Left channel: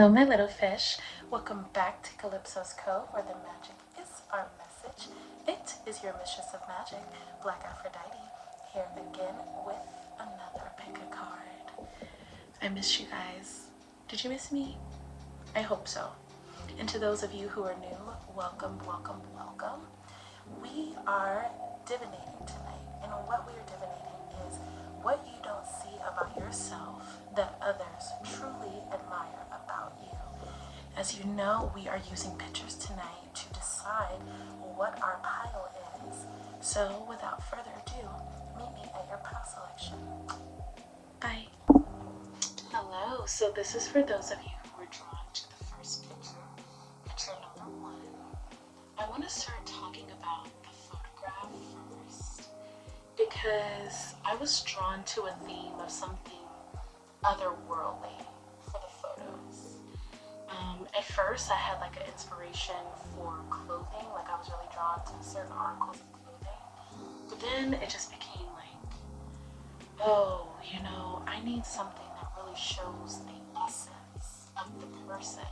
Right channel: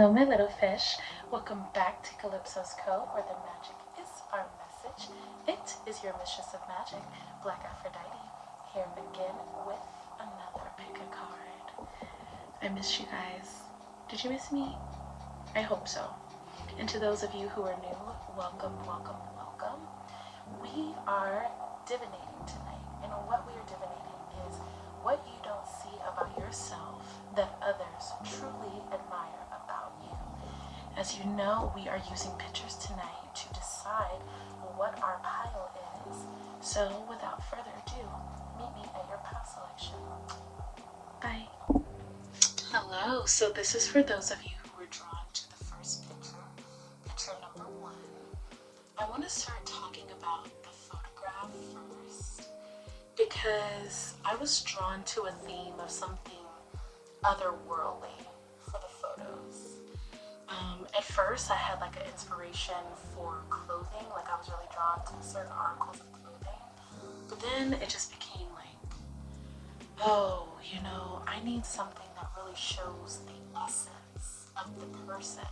Hello, my little fish. Welcome back to Calypso's Code, where the magic is our message. It is your mistress of magic, BlkAfroditee, here again with another pick a card. I missed you guys. Did you miss me? I hope so. And to those of you who are new, welcome, welcome, welcome. We are divinating tonight, and what we are divinating is what you don't see about yourself that others truly admire about you. As you know, we are using pictures tonight to decide what our pile is. So without further ado, meet me at your pile selection. Bye. Hello, so this is for those of you who were drawn to the first picture, picture number 1. I want to start talking about the photograph first, because I was drawn to a theme of something otherworldly for the photos. At first I had like an inspiration for clothing, like I was really drawn to certain articles of clothing, but then it just became like, oh, you know, I need something that really shows the essence of the person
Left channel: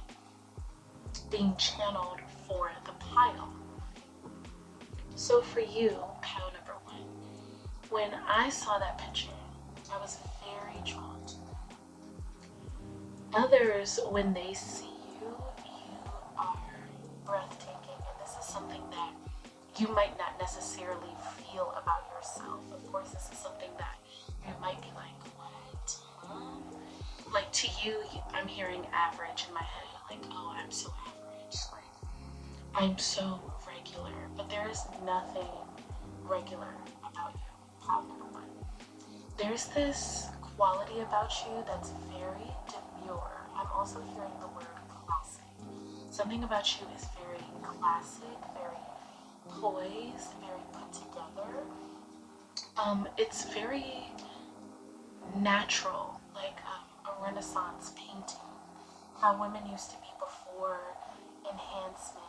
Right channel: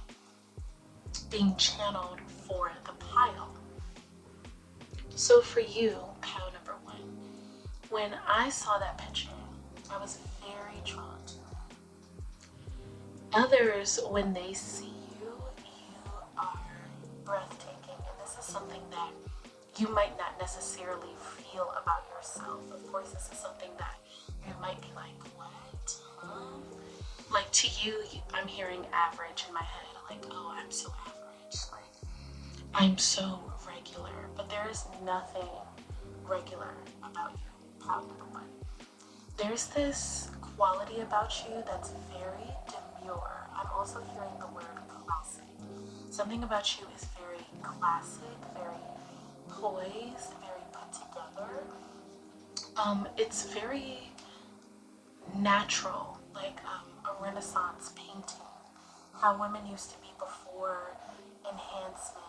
being channeled for the pile. So for you, pile number 1, when I saw that picture, I was very drawn to it. Others, when they see you, you are breathtaking, and this is something that you might not necessarily feel about yourself. Of course, this is something that you might be like, what? Huh? Like to you, I'm hearing average in my head, like, oh, I'm so average, like, I'm so regular, but there is nothing regular about you. There's this quality about you that's very demure. I'm also hearing the word classic. Something about you is very classic, very poised, very put together. It's very natural, like a Renaissance painting. How women used to be before enhancements.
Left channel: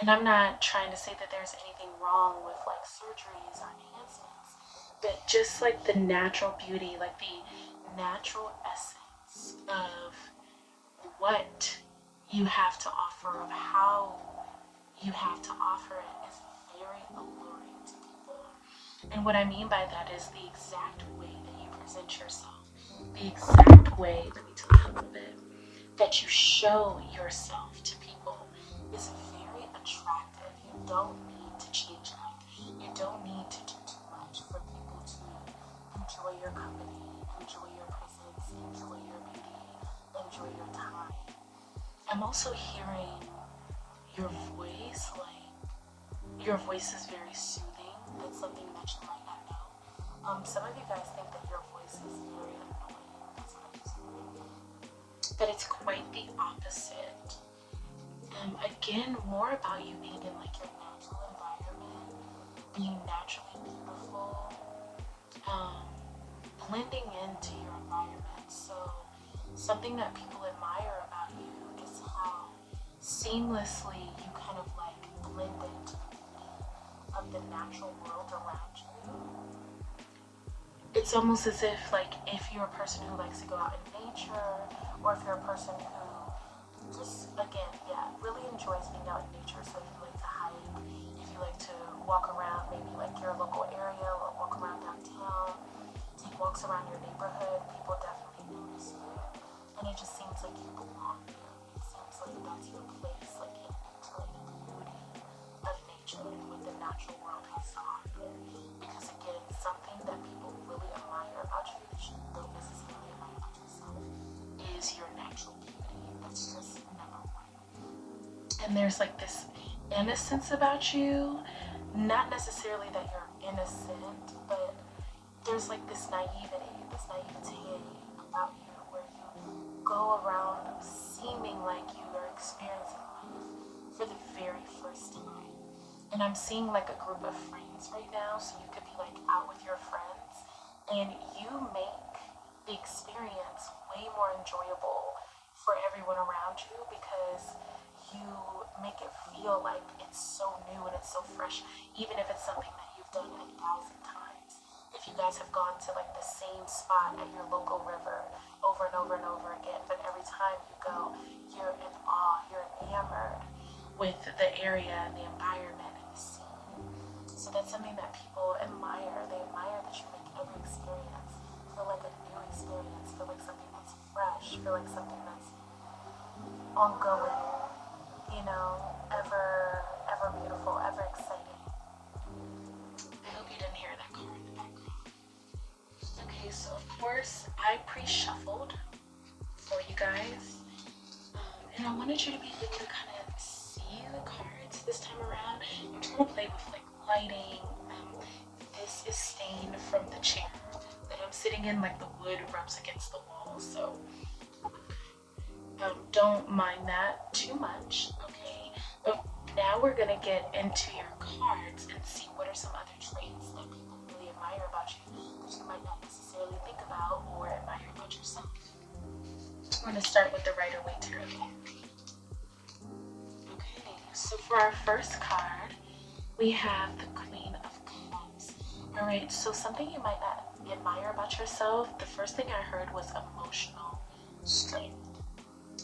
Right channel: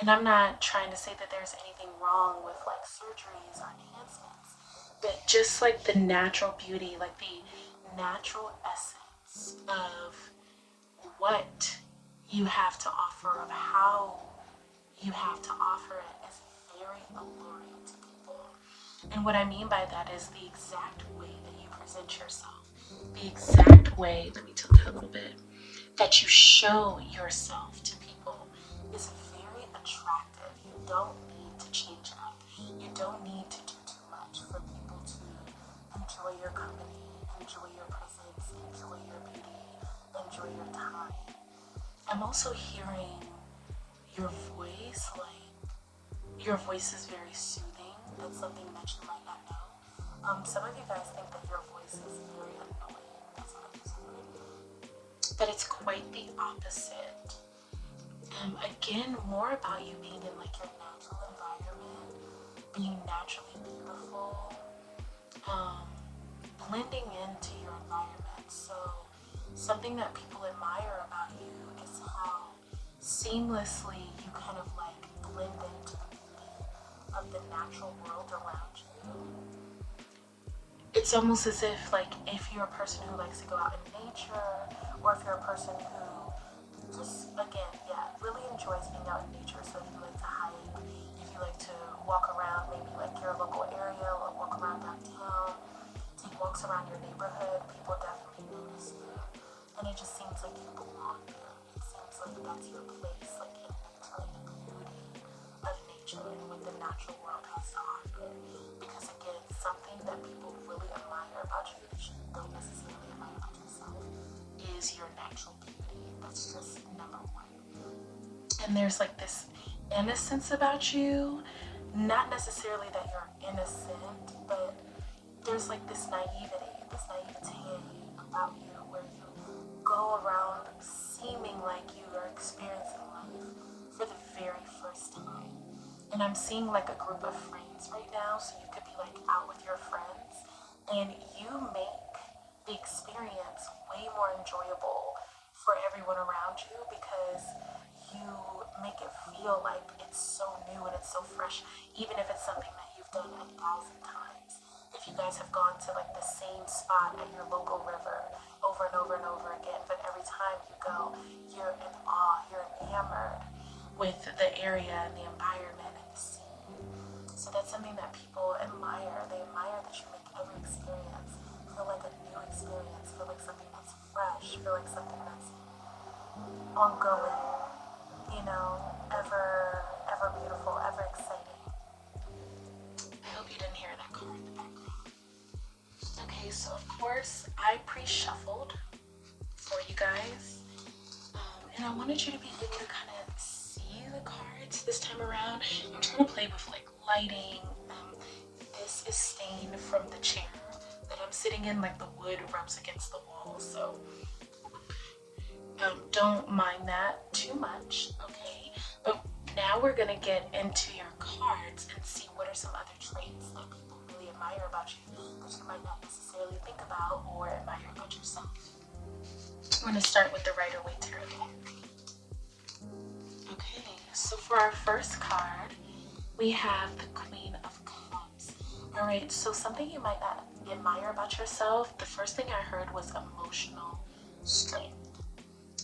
And I'm not trying to say that there's anything wrong with like surgeries or enhancements, but just like the natural beauty, like the natural essence of what you have to offer, of how you have to offer it, is very alluring to people. And what I mean by that is the exact way that you present yourself, the exact way, let me tilt that a little bit, that you show yourself to people is very attractive. You don't need to change up. You don't need to do too much for people to enjoy your company, enjoy your presence, enjoy your beauty, enjoy your time. I'm also hearing your voice, like your voice is very soothing. That's something that you might not know. Some of you guys think that your voice is very annoying. That's what I'm hearing. But it's quite the opposite. Again, more about you being in like your natural environment, being naturally beautiful, blending into your environment. So something that people admire about you is how seamlessly you kind of like blend into the beauty of the natural world around you. It's almost as if like if you're a person who likes to go out in nature, or if you're a person who just, again, yeah, really enjoys being out in nature. So if you like to hike, if you like to walk around maybe like your local area, or walk around downtown, take walks around your neighborhood, people definitely notice you. And it just seems like you belong there. It seems like that's your place, like in nature, like the beauty of nature and what the natural world has to offer. Because again, it's something that people really admire about you that you don't necessarily admire about yourself, is your natural beauty. That's just number 1. And there's like this innocence about you, not necessarily that you're innocent, but there's like this naivete about you, where you go around seeming like you are experiencing life for the very first time. And I'm seeing like a group of friends right now, so you could be like out with your friends, and you make the experience way more enjoyable for everyone around you, because you make it feel like it's so new and it's so fresh, even if it's something that you've done 1,000 times. If you guys have gone to like the same spot at your local river over and over and over again, but every time time you go, you're in awe, you're enamored with the area and the environment and the scene. So that's something that people admire. They admire that you make every experience feel like a new experience, feel like something that's fresh, feel like something that's ongoing, you know, ever beautiful, ever exciting. I hope you didn't hear that car in the background. Okay, so of course I pre-shuffled for you guys, and I wanted you to be able to kind of see the cards this time around. I'm trying to play with like lighting. This is stained from the chair that I'm sitting in, like the wood rubs against the wall, so don't mind that too much, okay? But now we're gonna get into your cards and see what are some other traits that people really admire about you that you might not necessarily think about or admire about yourself. I'm gonna start with the Rider-Waite Tarot deck. Okay, so for our first card, we have the Queen of Cups. All right, so something you might not admire about yourself, the first thing I heard was emotional strength.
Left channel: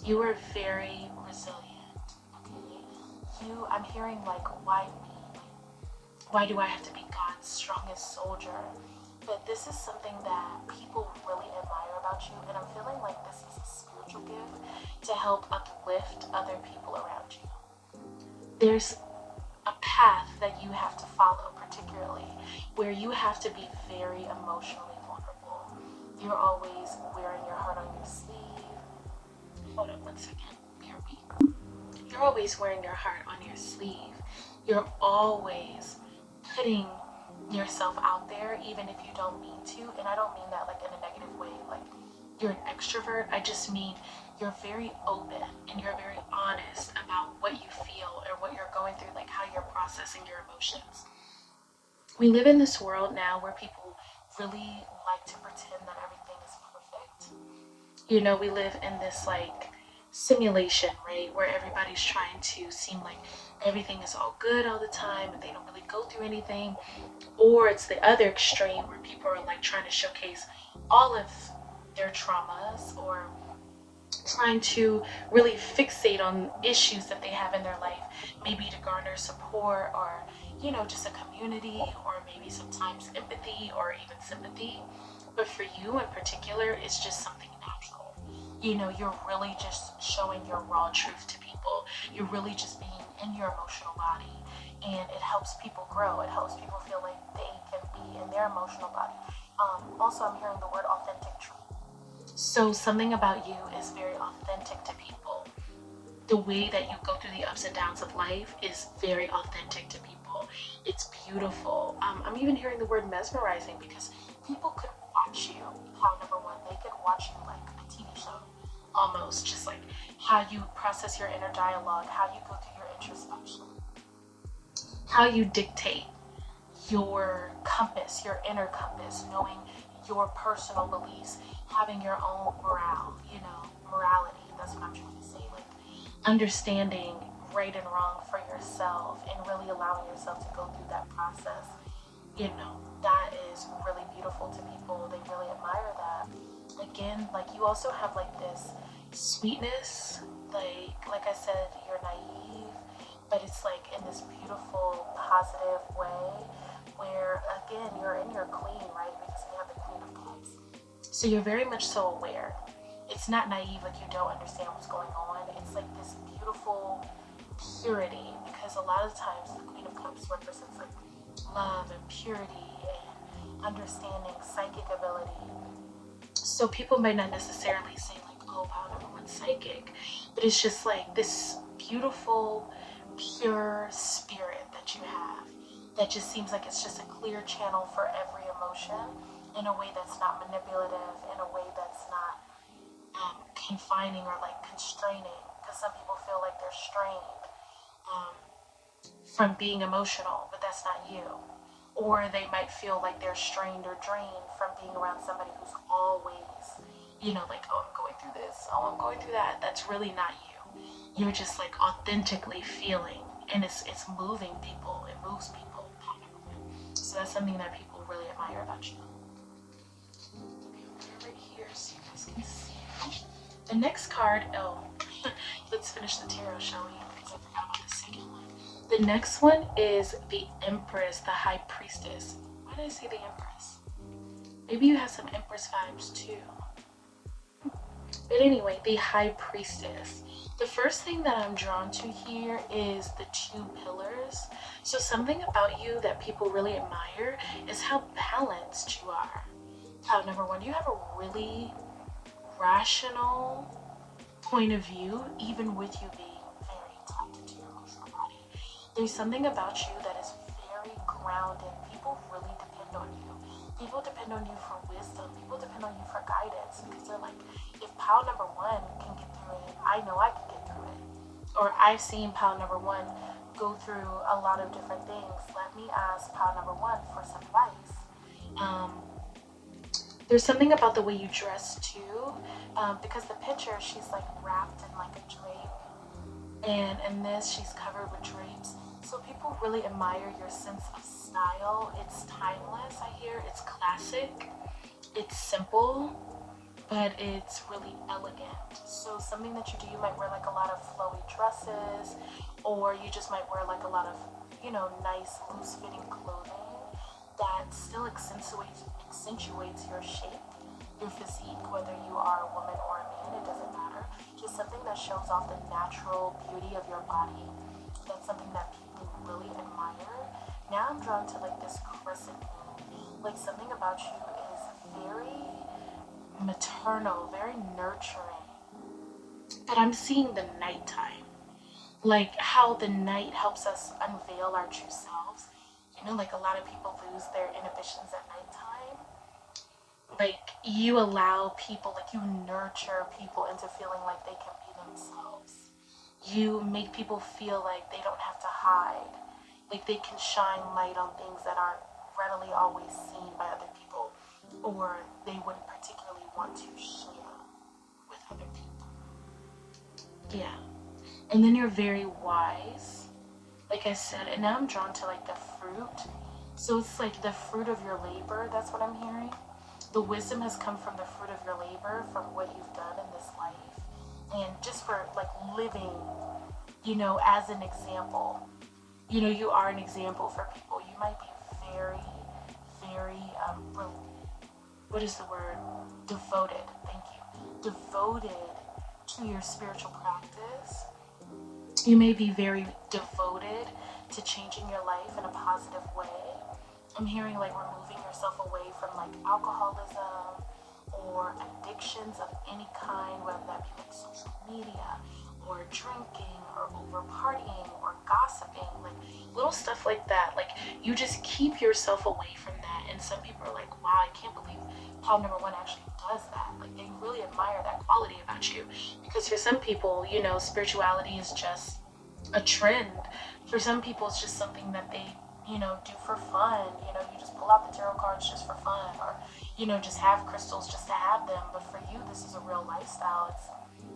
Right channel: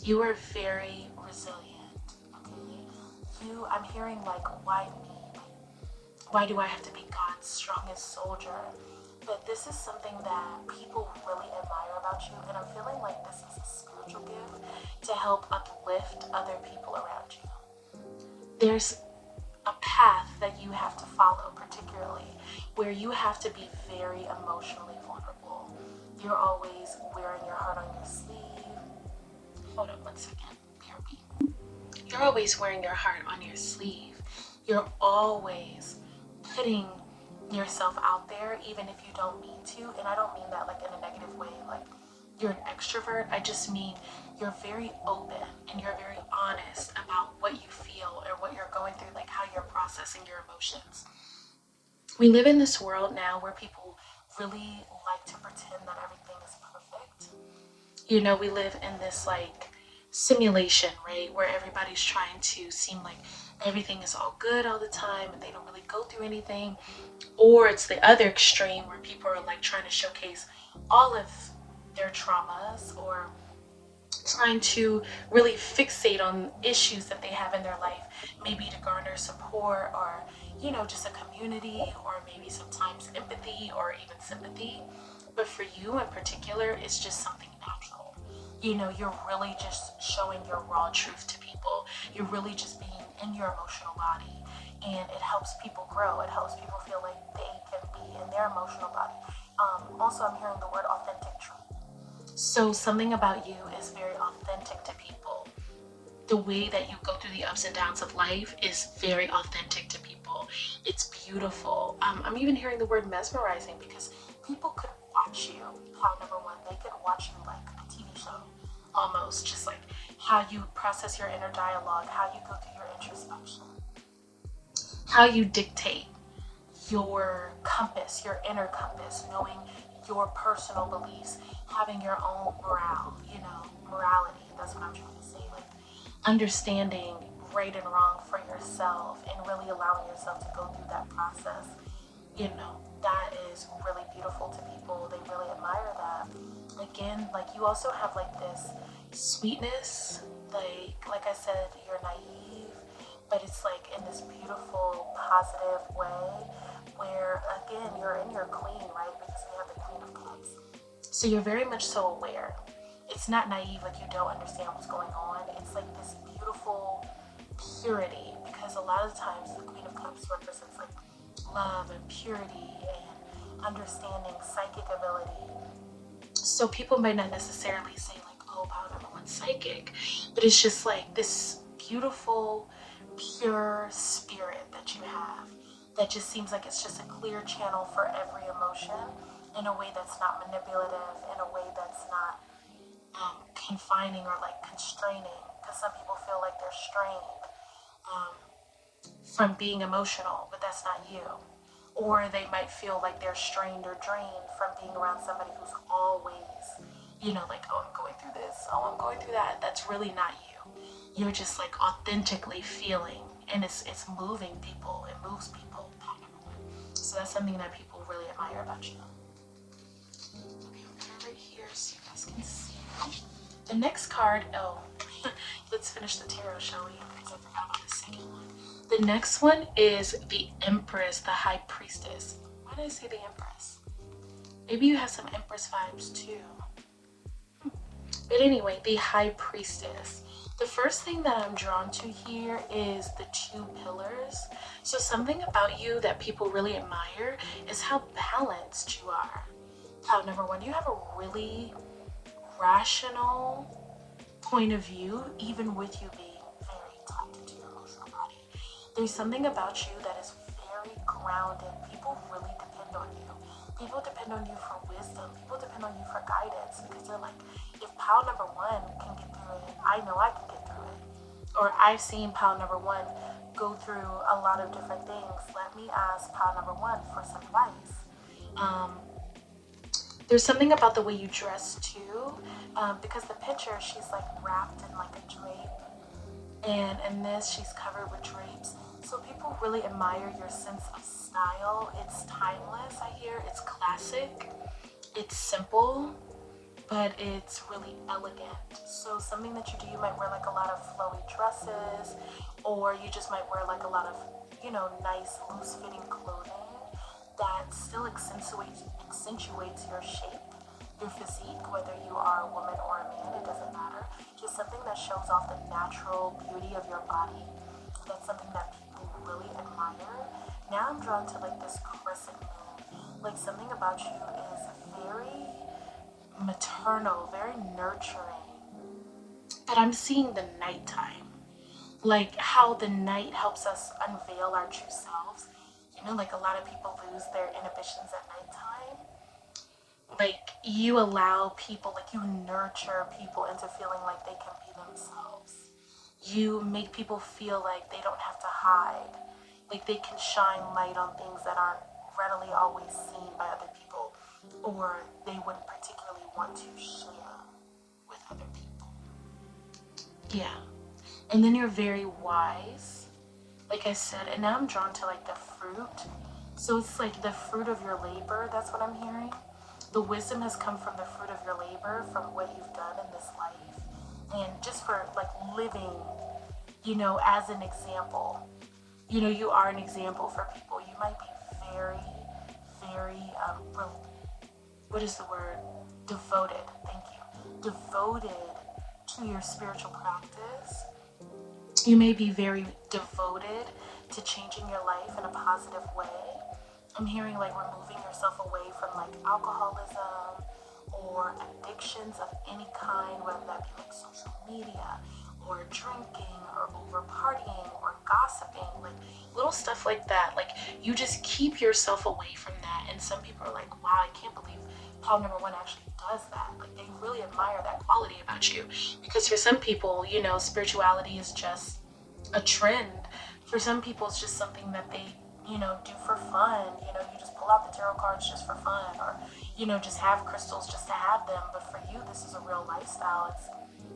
You are very resilient, okay? I'm hearing like, why me? Why do I have to be God's strongest soldier? But this is something that people really admire about you, and I'm feeling like this is a spiritual gift to help uplift other people around you. There's a path that you have to follow, particularly where you have to be very emotionally vulnerable. You're always wearing your heart on your sleeve. Hold up 1 second. BRB. You're always wearing your heart on your sleeve. You're always putting yourself out there, even if you don't mean to. And I don't mean that like in a negative way, like you're an extrovert. I just mean you're very open and you're very honest about what you feel or what you're going through, like how you're processing your emotions. We live in this world now where people really like to pretend that everything is perfect. You know, we live in this like simulation, right, where everybody's trying to seem like everything is all good all the time and they don't really go through anything. Or it's the other extreme where people are like trying to showcase all of their traumas or trying to really fixate on issues that they have in their life, maybe to garner support or, you know, just a community or maybe sometimes empathy or even sympathy. But for you in particular, it's just something natural. You know, you're really just showing your raw truth to people. You're really just being in your emotional body, and it helps people grow. It helps people feel like they can be in their emotional body. Also, I'm hearing the word authentic truth. So something about you is very authentic to people. The way that you go through the ups and downs of life is very authentic to people. It's beautiful. I'm even hearing the word mesmerizing, because people could watch you. Part number one, they could watch you like a TV show, almost, just like how you process your inner dialogue, how you go through your introspection, how you dictate your compass, your inner compass, knowing your personal beliefs, having your own morality. That's what I'm trying to say. Like understanding right and wrong for yourself and really allowing yourself to go through that process. You know, that is really beautiful to people. They really admire that. Again, like you also have like this sweetness, like I said, you're naive, but it's like in this beautiful, positive way where, again, you're in your queen, right? Because we have the Queen of Cups. So you're very much so aware. It's not naive, like you don't understand what's going on. It's like this beautiful purity, because a lot of times the Queen of Cups represents like love and purity and understanding, psychic ability. So people might not necessarily say like, oh wow, everyone's psychic, but it's just like this beautiful, pure spirit that you have that just seems like it's just a clear channel for every emotion in a way that's not manipulative, in a way that's not confining or like constraining, because some people feel like they're strained from being emotional, but that's not you. Or they might feel like they're strained or drained from being around somebody who's always, you know, like, oh, I'm going through this, oh, I'm going through that. That's really not you. You're just like authentically feeling, and it's moving people, it moves people. So that's something that people really admire about you. Okay, I'm right here so you guys can see. The next card, oh, let's finish the tarot, shall we? Because I forgot about the second one. The next one is the Empress, the High Priestess. Why did I say the Empress? Maybe you have some Empress vibes too. But anyway, the High Priestess. The first thing that I'm drawn to here is the two pillars. So something about you that people really admire is how balanced you are. Number one, you have a really rational point of view, even with you being very connected to your emotional body. There's something about you that is very grounded. People really depend on you. People depend on you for wisdom. People depend on you for guidance because they're like, if pile number one can get through it, I know I can get through it. Or I've seen pile number one go through a lot of different things. Let me ask pile number one for some advice. There's something about the way you dress too, because the picture, she's like wrapped in like a drape, and in this she's covered with drapes. So people really admire your sense of style. It's timeless, I hear. It's classic. It's simple, but it's really elegant. So something that you do, you might wear like a lot of flowy dresses, or you just might wear like a lot of, you know, nice loose fitting clothing that still accentuates your shape, your physique, whether you are a woman or a man, it doesn't matter. Just something that shows off the natural beauty of your body. That's something that people really admire. Now I'm drawn to like this crescent moon. Like something about you is very maternal, very nurturing. But I'm seeing the nighttime. Like how the night helps us unveil our true selves. You know, like a lot of people lose their inhibitions at nighttime. Like you allow people, like you nurture people into feeling like they can be themselves. You make people feel like they don't have to hide. Like they can shine light on things that aren't readily always seen by other people, or they wouldn't particularly want to share with other people. Yeah. And then you're very wise, like I said, and now I'm drawn to like the fruit. So it's like the fruit of your labor, that's what I'm hearing. The wisdom has come from the fruit of your labor, from what you've done in this life, and just for like living, you know, as an example. You know, you are an example for people. You might be very, very, what is the word? Devoted. Thank you. Devoted to your spiritual practice. You may be very devoted to changing your life in a positive way. I'm hearing like removing yourself away from like alcoholism or addictions of any kind, whether that be like social media or drinking or over partying or gossiping, like little stuff like that. Like you just keep yourself away from that. And some people are like, wow, I can't believe Paul number one actually does that. Like they really admire that quality about you. Because for some people, you know, spirituality is just a trend. For some people, it's just something that they, you know, do for fun. You know, you just pull out the tarot cards just for fun, or, you know, just have crystals just to have them. But for you, this is a real lifestyle.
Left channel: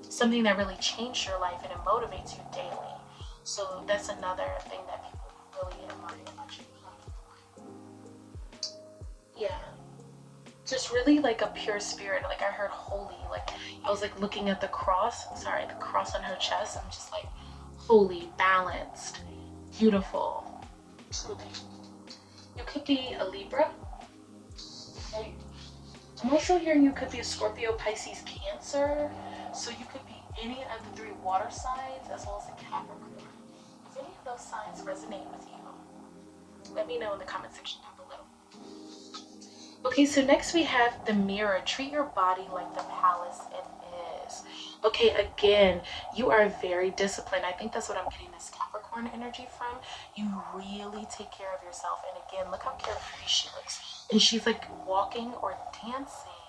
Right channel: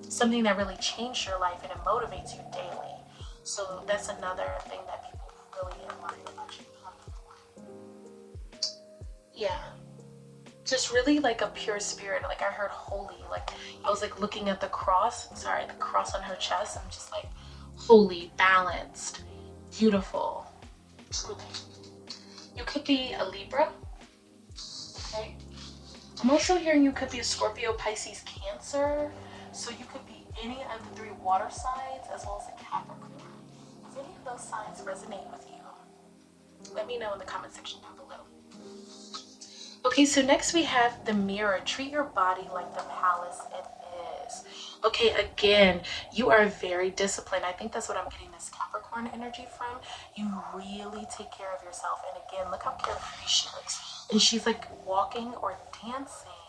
It's something that really changed your life and it motivates you daily. So that's another thing that people really admire about you. Yeah. Just really like a pure spirit. Like I heard holy. Like I was like looking at the cross. Sorry, the cross on her chest. I'm just like holy, balanced, beautiful. Truly. You could be a Libra. Okay. I'm also hearing you could be a Scorpio, Pisces, Cancer. So you could be any of the three water signs as well as a Capricorn. If any of those signs resonate with you, let me know in the comment section down below. Okay, so next we have the mirror. Treat your body like the palace it is. Okay, again, you are very disciplined. I think that's what I'm getting this Capricorn energy from. You really take care of yourself. And again, look how carefree she looks. And she's like walking or dancing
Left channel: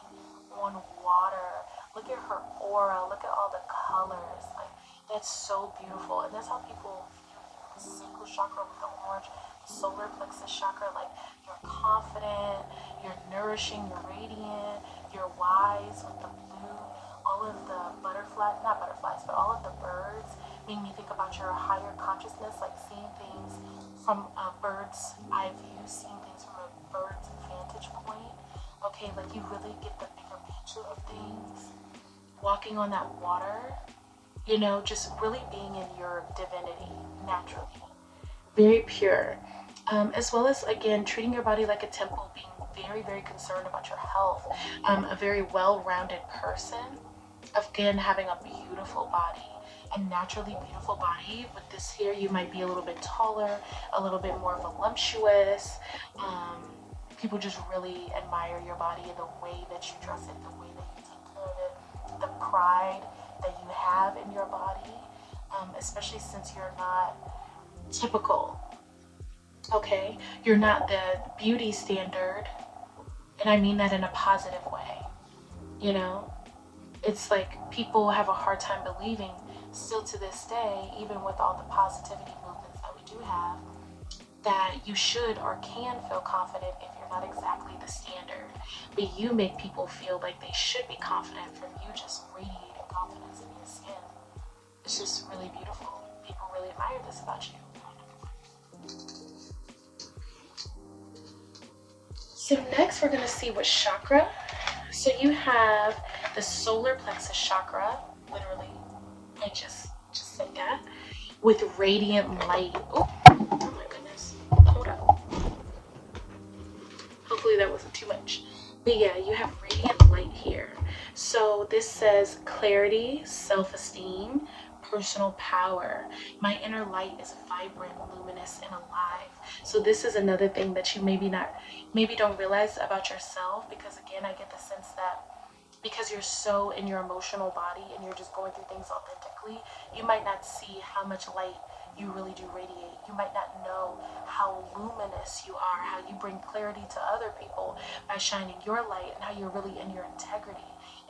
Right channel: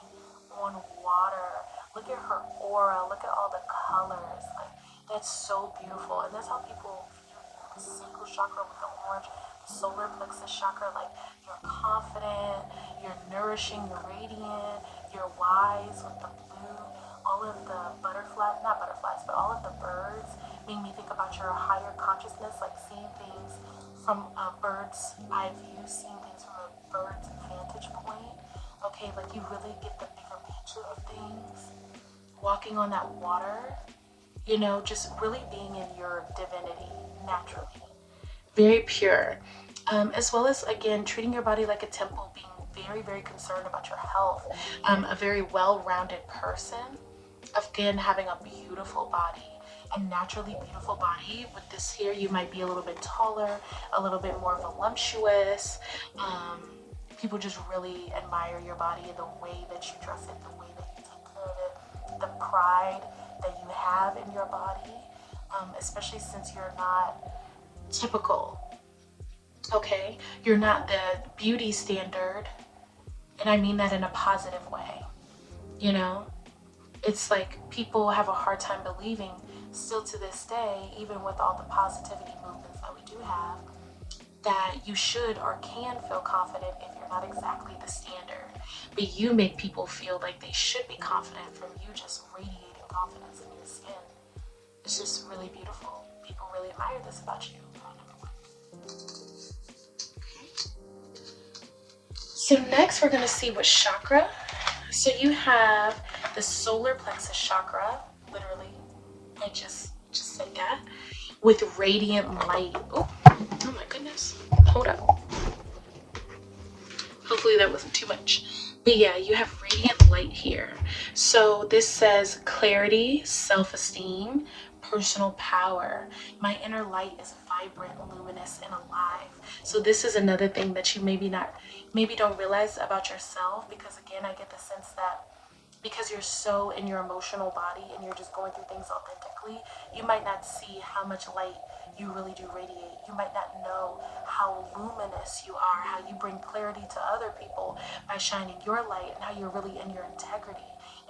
on water. Look at her aura. Look at all the colors. Like, that's so beautiful. And that's how people view you. The sacral chakra with the orange, the solar plexus chakra. Like, you're confident, you're nourishing, you're radiant, you're wise with the blue. All of the butterflies, not butterflies, but all of the birds made me think about your higher consciousness, like seeing things from a bird's eye view, seeing things from a bird's vantage point. Okay, like you really get the bigger picture of things. walking on that water, you know, just really being in your divinity naturally. Very pure. As well as, again, treating your body like a temple, being very, very concerned about your health. A very well-rounded person. Again, having a beautiful body, a naturally beautiful body. With this here, you might be a little bit taller, a little bit more voluptuous. People just really admire your body, the way that you dress it, the way that you take care of it, the pride that you have in your body, especially since you're not typical. Okay, you're not the beauty standard, and I mean that in a positive way. You know, it's like people have a hard time believing still to this day, even with all the positivity movements that we do have, that you should or can feel confident if you're not exactly the standard. But you make people feel like they should be confident from you just radiating confidence in your skin. It's just really beautiful. People really admire this about you. So next we're going to see what chakra. So you have the solar plexus chakra, literally, I just said that, with radiant light. Oh my goodness, hold up. Hopefully that wasn't too much. But yeah, you have radiant light here. So this says clarity, self-esteem, personal power. My inner light is vibrant, luminous, and alive. So this is another thing that you maybe don't realize about yourself, because again, I get the sense that because you're so in your emotional body and you're just going through things authentically, you might not see how much light you really do radiate. You might not know how luminous you are, how you bring clarity to other people by shining your light, and how you're really in your integrity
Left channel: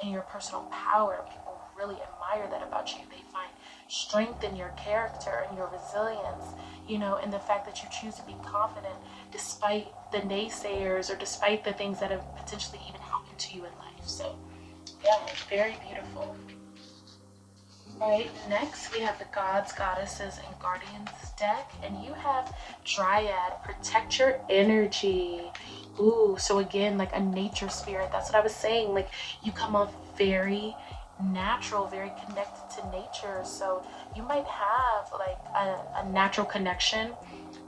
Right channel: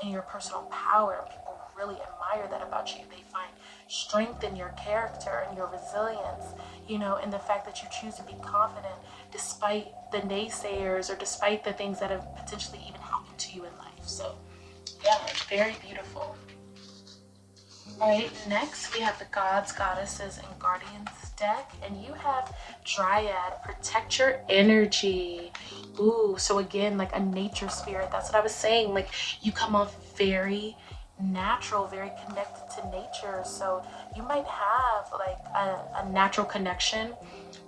and your personal power. People really admire that about you. They find strength in your character and your resilience, you know, and the fact that you choose to be confident despite the naysayers or despite the things that have potentially even happened to you in life. So yeah, very beautiful. Alright, next we have the Gods, Goddesses, and Guardians deck, and you have Dryad, protect your energy. Ooh, so again, like a nature spirit. That's what I was saying. Like, you come off very natural, very connected to nature. So you might have like a natural connection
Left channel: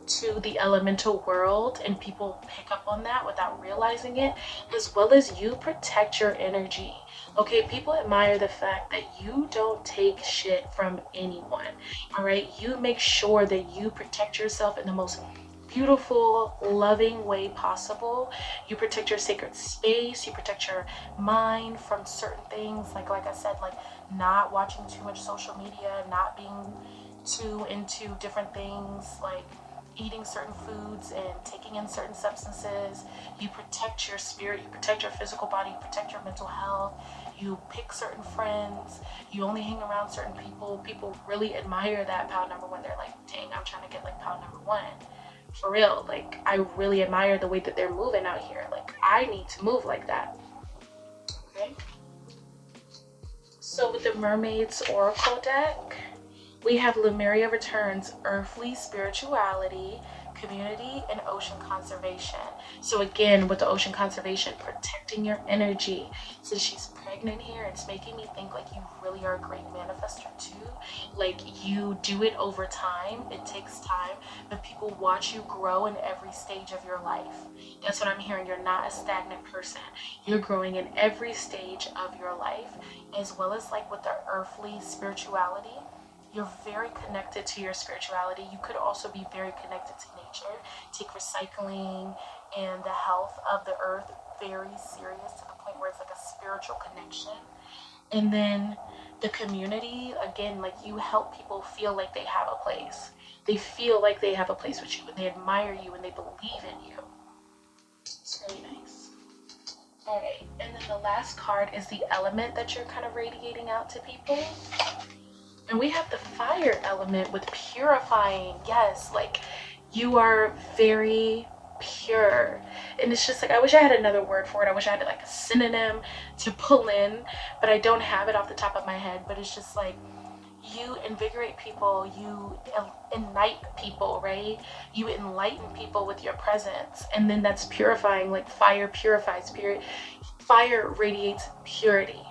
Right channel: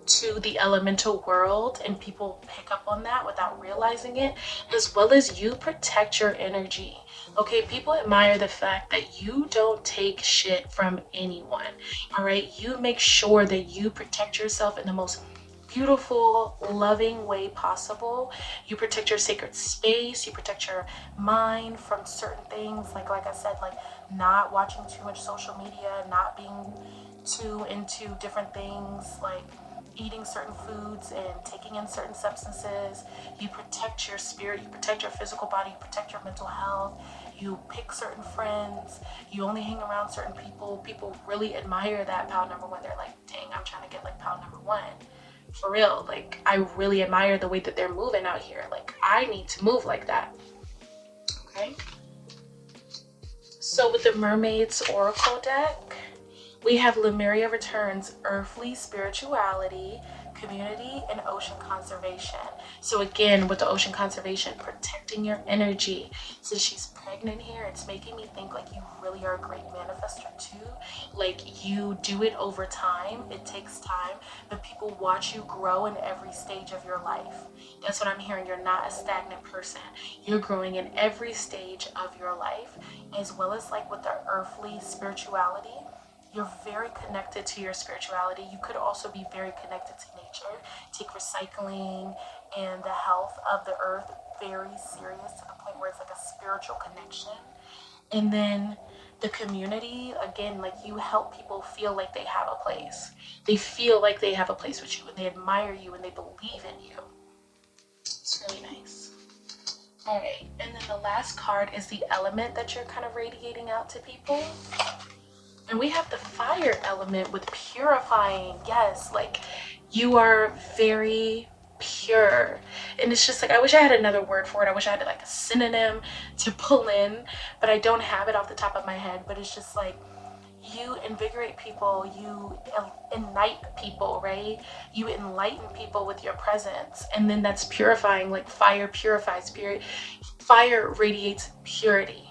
to the elemental world, and people pick up on that without realizing it, as well as you protect your energy. Okay, people admire the fact that you don't take shit from anyone. All right, you make sure that you protect yourself in the most beautiful, loving way possible. You protect your sacred space, you protect your mind from certain things, like I said, like not watching too much social media, not being too into different things, like eating certain foods and taking in certain substances. You protect your spirit, you protect your physical body, you protect your mental health. You pick certain friends, you only hang around certain people. People really admire that pound number one. They're like, dang, I'm trying to get like pound number one. For real, like I really admire the way that they're moving out here. Like I need to move like that. Okay. So with the Mermaid's Oracle deck, we have Lemuria returns earthly spirituality, community, and ocean conservation. So again, with the ocean conservation, protecting your energy. Since she's pregnant here, it's making me think like you really are a great manifestor too. Like you do it over time. It takes time, but people watch you grow in every stage of your life. That's what I'm hearing. You're not a stagnant person. You're growing in every stage of your life, as well as like with the earthly spirituality. You're very connected to your spirituality. You could also be very connected to nature. Take recycling and the health of the earth very serious, to the point where it's like a spiritual connection. And then the community, again, like you help people feel like they have a place. They feel like they have a place with you, and they admire you, and they believe in you. It's really nice. All right, and then the last card is the element that you're kind of radiating out to people. And we have the fire element with purifying. Yes, like you are very pure. And it's just like, I wish I had another word for it. I wish I had like a synonym to pull in, but I don't have it off the top of my head. But it's just like, you invigorate people, you ignite people, right? You enlighten people with your presence. And then that's purifying. Like fire purifies. Fire radiates purity.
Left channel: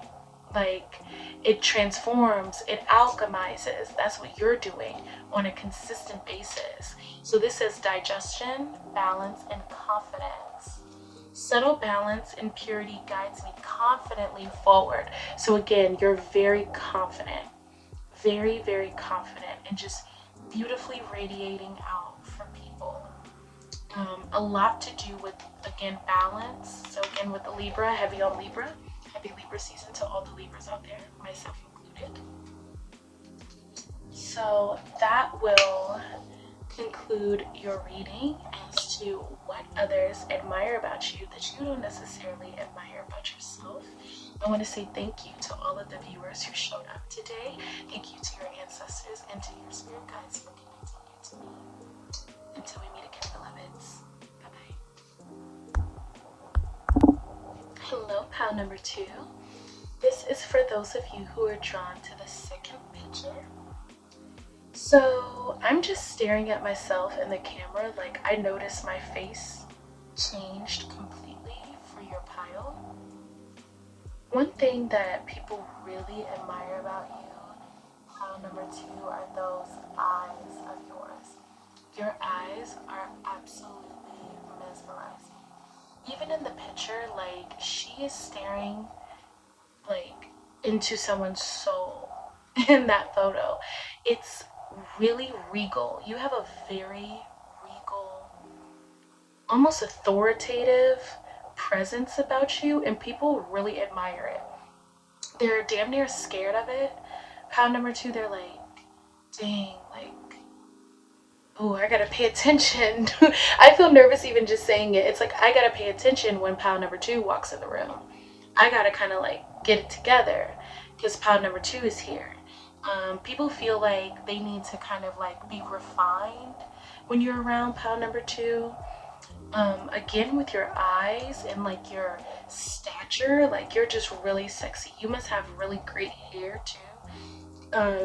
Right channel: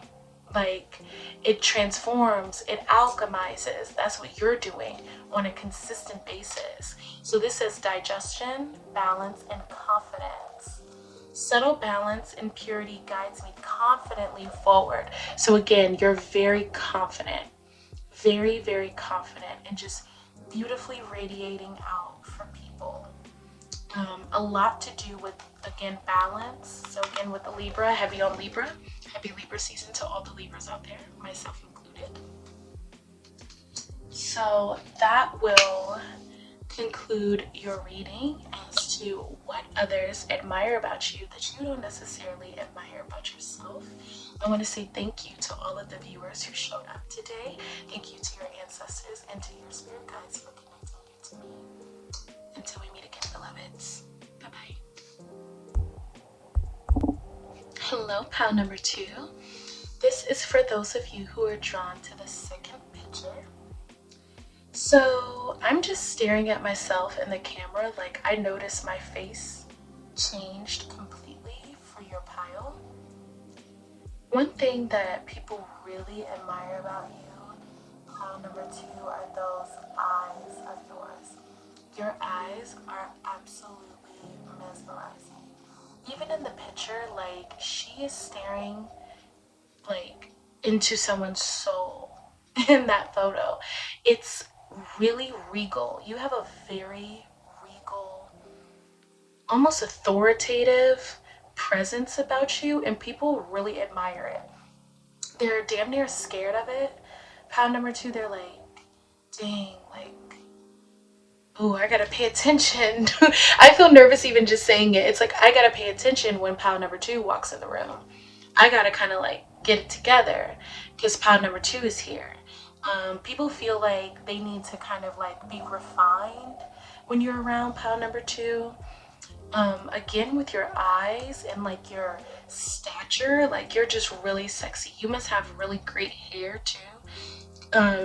Like It transforms, it alchemizes. That's what you're doing on a consistent basis. So this says digestion, balance, and confidence. Subtle balance and purity guides me confidently forward. So again, you're very confident, very, very confident, and just beautifully radiating out for people. A lot to do with, again, balance. So again, with the Libra, heavy on Libra. Happy Libra season to all the Libras out there, myself included. So that will conclude your reading as to what others admire about you that you don't necessarily admire about yourself. I want to say thank you to all of the viewers who showed up today. Thank you to your ancestors and to your spirit guides for connecting you to me. Until we meet again, beloveds. Bye-bye. Hello, pal number 2. This is for those of you who are drawn to the second picture. So I'm just staring at myself in the camera, like I noticed my face changed completely for your pile. One thing that people really admire about you, pile number 2, are those eyes of yours. Your eyes are absolutely mesmerizing. Even in the picture, like she is staring like into someone's soul in that photo. It's really regal. You have a very regal, almost authoritative presence about you, and people really admire it. They're damn near scared of it. Pound number 2, they're like, dang, like, oh, I gotta pay attention. I feel nervous even just saying it. It's like I gotta pay attention when pound number 2 walks in the room. I gotta kind of like get it together because pound number 2 is here. People feel like they need to kind of like be refined when you're around pound number 2. Again, with your eyes and like your stature, like you're just really sexy. You must have really great hair too.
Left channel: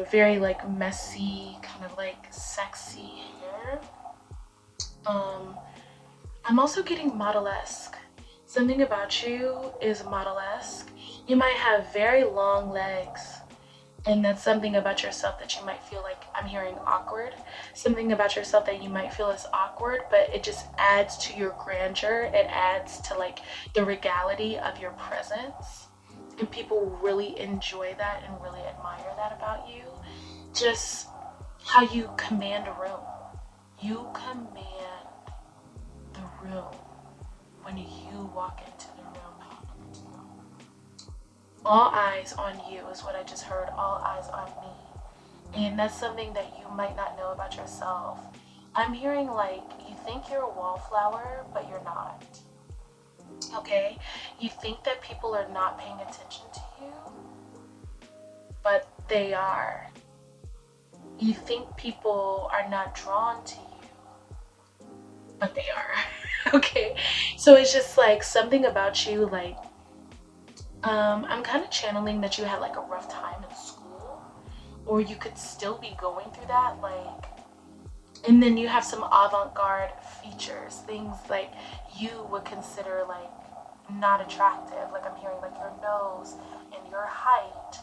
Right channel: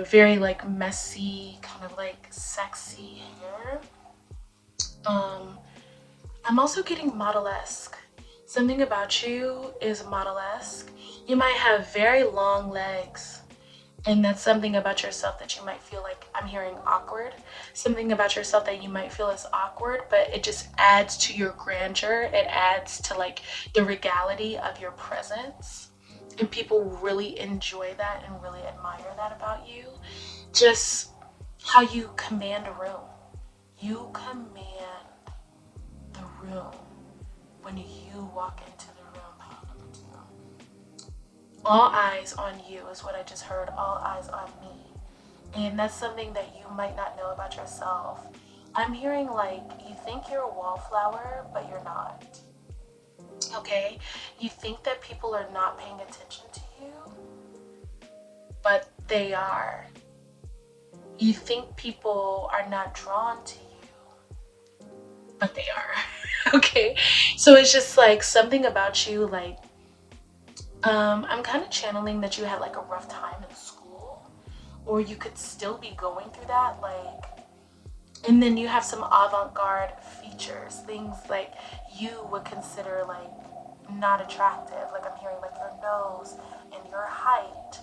Very like messy, kind of like sexy hair. I'm also getting model-esque. Something about you is model-esque. You might have very long legs, and that's something about yourself that you might feel like, I'm hearing awkward. Something about yourself that you might feel is awkward, but it just adds to your grandeur. It adds to like the regality of your presence. And people really enjoy that and really admire that about you. Just how you command a room. You command the room when you walk into the room, pound number 2. All eyes on you is what I just heard. All eyes on me. And that's something that you might not know about yourself. I'm hearing like you think you're a wallflower, but you're not. Okay? You think that people are not paying attention to you, but they are. You think people are not drawn to you, but they are. Okay? So it's just like something about you, like I'm kind of channeling that you had like a rough time in school, or you could still be going through that, like, and then you have some avant-garde features, things like you would consider like not attractive. Like I'm hearing like your nose and your height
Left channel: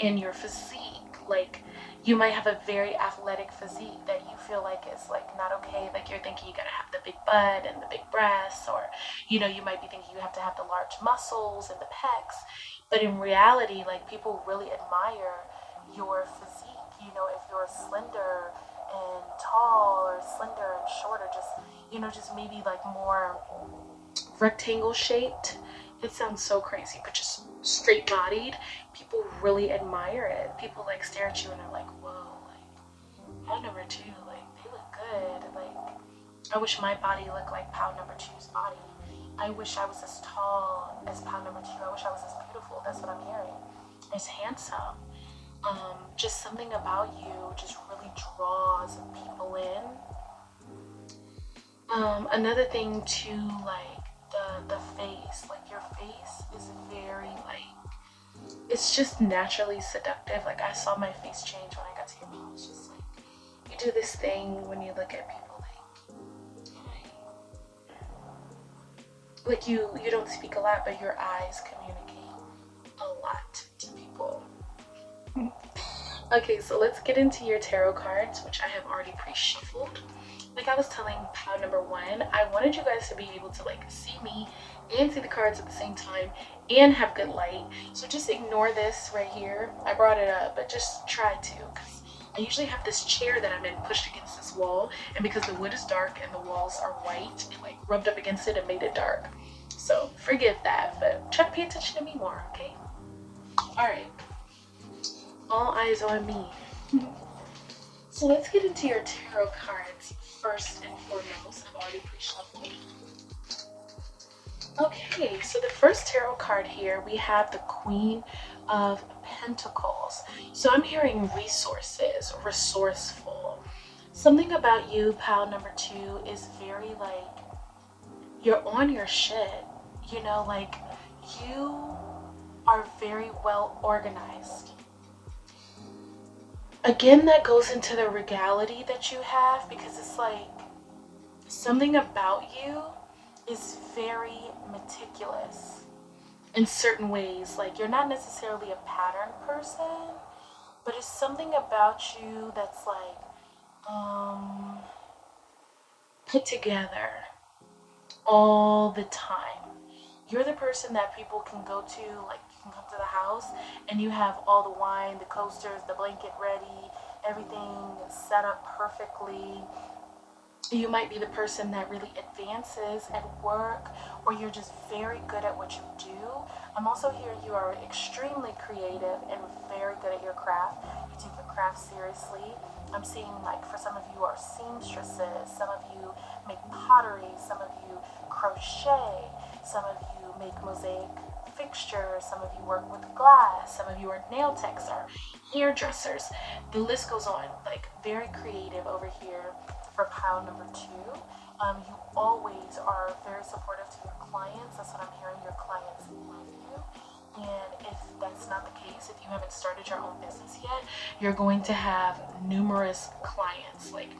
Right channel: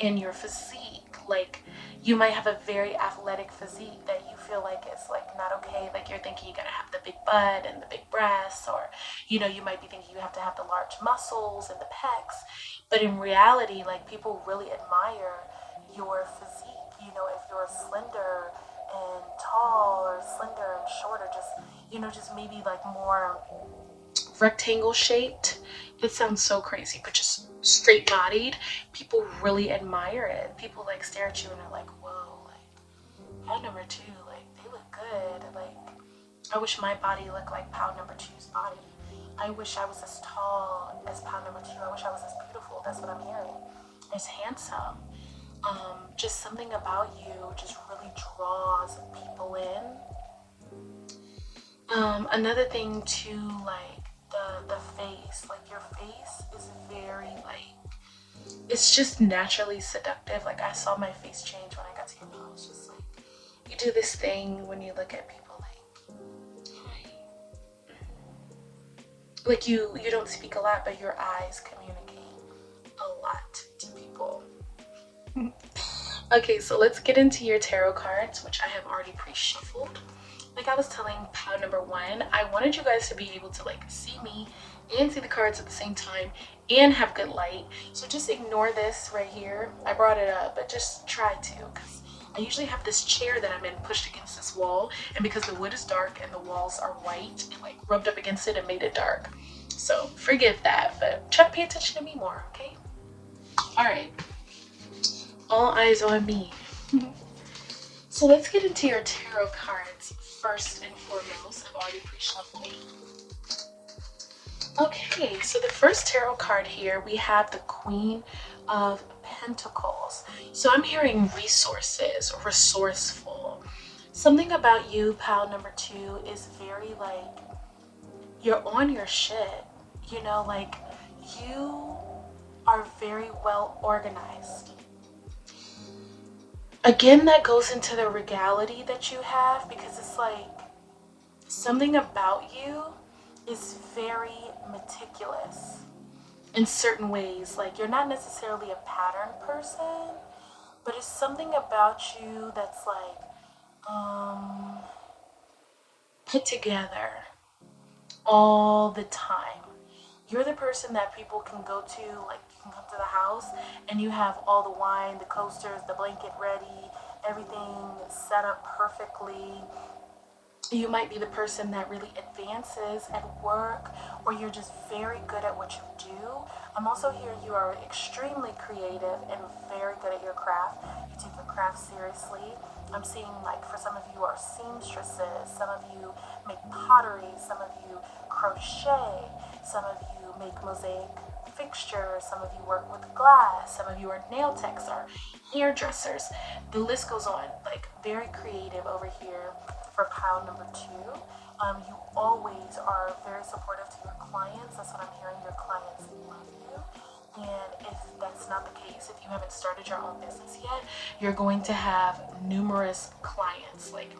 and your physique. Like you might have a very athletic physique that you feel like is like not okay. Like you're thinking you gotta have the big butt and the big breasts, or you know, you might be thinking you have to have the large muscles and the pecs. But in reality, like people really admire your physique. You know, if you're slender and tall, or slender and short, or just, you know, just maybe like more rectangle shaped. It sounds so crazy, but just straight bodied, people really admire it. People like stare at you and are like, whoa, like pound number 2, like they look good. Like I wish my body looked like pound number 2's body. I wish I was as tall as pound number 2. I wish I was as beautiful. That's what I'm hearing. As handsome. Just something about you just really draws people in. Another thing too, like the face, like your face is very like, it's just naturally seductive. Like I saw my face change when I got to your mouth. It's just like you do this thing when you look at people, like you don't speak a lot, but your eyes communicate a lot to people. Okay, so let's get into your tarot cards, which I have already pre-shuffled. Like I was telling pile number one, I wanted you guys to be able to like see me and see the cards at the same time and have good light. So just ignore this right here. I brought it up, but just try to, because I usually have this chair that I'm in pushed against this wall, and because the wood is dark and the walls are white, it like rubbed up against it and made it dark. So forgive that, but try to pay attention to me more, okay? All right. All eyes on me. So let's get into your tarot cards first and foremost. I've already pre-shuffled. Okay, so the first tarot card here, we have the Queen of Pentacles. So I'm hearing resources, resourceful. Something about you, pile number two, is very like, you're on your shit. You know, like you are very well organized. Again, that goes into the regality that you have, because it's like something about you is very meticulous in certain ways. Like you're not necessarily a pattern person, but it's something about you that's like put together all the time. You're the person that people can go to, like you can come to the house and you have all the wine, the coasters, the blanket ready, everything set up perfectly. You might be the person that really advances at work, or you're just very good at what you do. I'm also hearing you are extremely creative and very good at your craft. You take your craft seriously. I'm seeing like for some of you are seamstresses, some of you make pottery, some of you crochet, some of you make mosaic fixtures, some of you work with glass, some of you are nail techs or hairdressers. The list goes on. Like very creative over here for pile number two. You always are very supportive to your clients. That's what I'm hearing. Your clients love you. And if that's not the case, if you haven't started your own business yet, you're going to have numerous clients. Like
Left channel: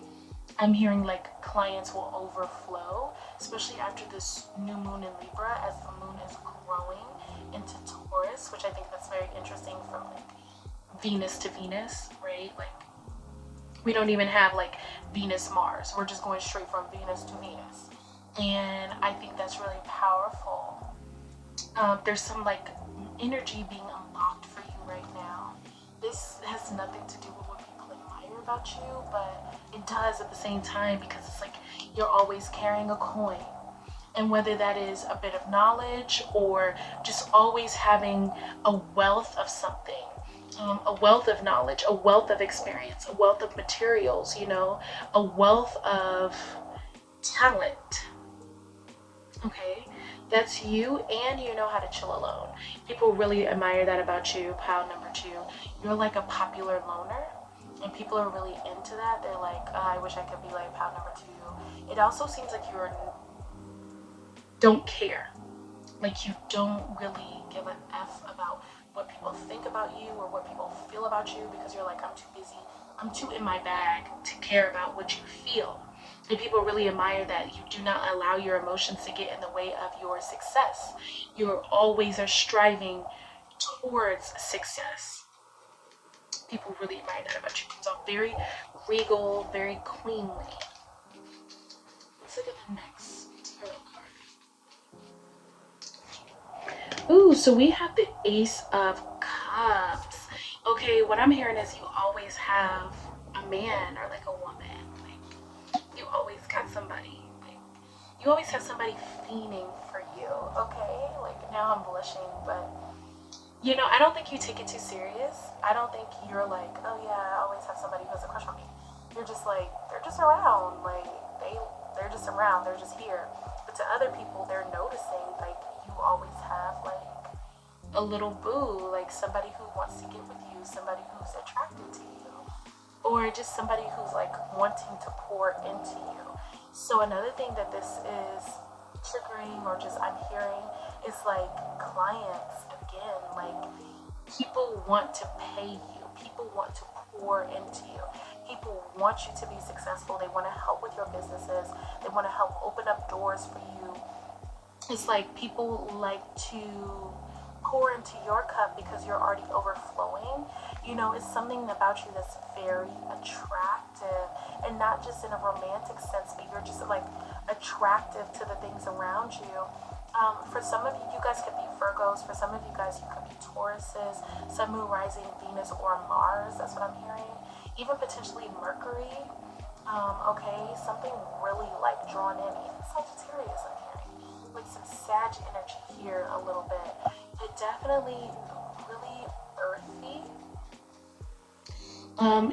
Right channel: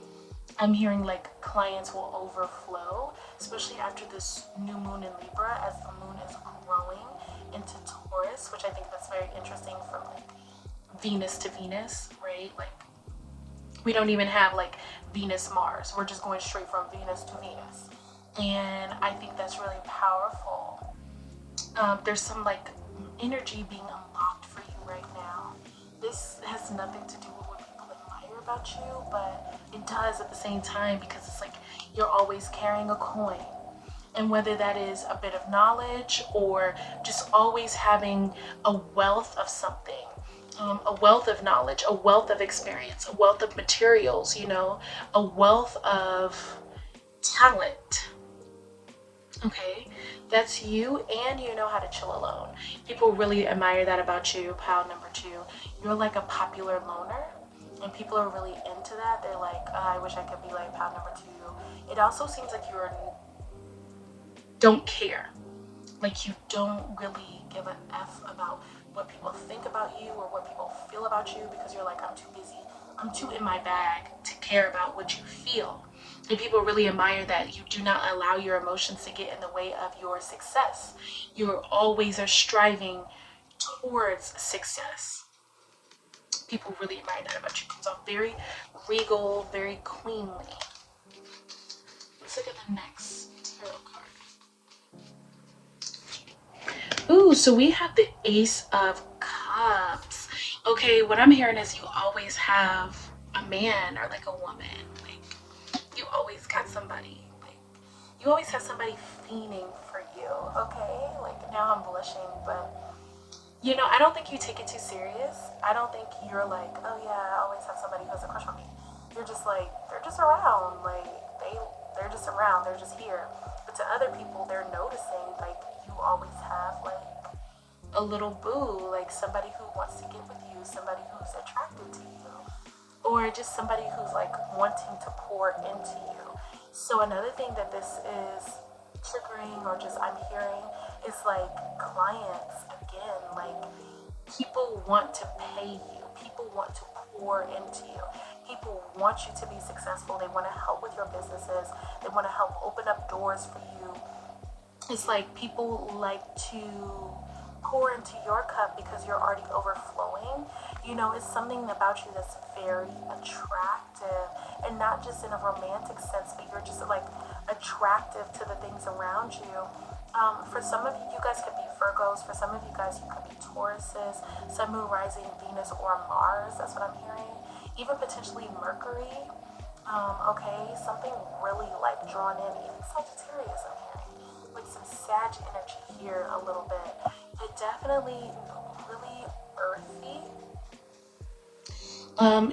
I'm hearing like clients will overflow, especially after this new moon in Libra, as the moon is growing into Taurus, which I think that's very interesting from like Venus to Venus, right? Like we don't even have like Venus Mars. We're just going straight from Venus to Venus. And I think that's really powerful. There's some like energy being unlocked for you right now. This has nothing to do with what people admire about you, but it does at the same time, because it's like you're always carrying a coin. And whether that is a bit of knowledge or just always having a wealth of something, a wealth of knowledge, a wealth of experience, a wealth of materials, you know, a wealth of talent. Okay, that's you, and you know how to chill alone. People really admire that about you, pile number two. You're like a popular loner, and people are really into that. They're like, oh, I wish I could be like pile number two. It also seems like you don't care. Like you don't really give an F about what people think about you or what people feel about you, because you're like, I'm too busy, I'm too in my bag to care about what you feel. And people really admire that you do not allow your emotions to get in the way of your success. You always are striving towards success. People really admire that about you. So very regal, very queenly. Let's look at the next tarot card. Ooh, so we have the Ace of Cups. Okay, what I'm hearing is you always have a man or like a woman. Like you always got somebody. Like you always have somebody fiending for you. Okay, like now I'm blushing, but you know, I don't think you take it too serious. I don't think you're like, oh yeah, I always have somebody who has a crush on me. You're just like, they're just around. Like they're just around. They're just here. But to other people, they're noticing like you always have like a little boo, like somebody who wants to get with you, somebody who's attracted to you, or just somebody who's like wanting to pour into you. So another thing that this is triggering, or just I'm hearing, is like clients again. Like people want to pay you, people want to pour into you, people want you to be successful, they want to help with your businesses, they want to help open up doors for you. It's like people like to pour into your cup because you're already overflowing, You know, it's something about you that's very attractive, and not just in a romantic sense, but you're just like attractive to the things around you. For some of you, you guys could be Virgos. For some of you guys, you could be Tauruses, Sun, Moon, Rising, Venus, or Mars. That's what I'm hearing. Even potentially Mercury. Okay, something really like drawn in. Even Sagittarius, I'm hearing. Like some Sag energy here a little bit. It definitely really earthy.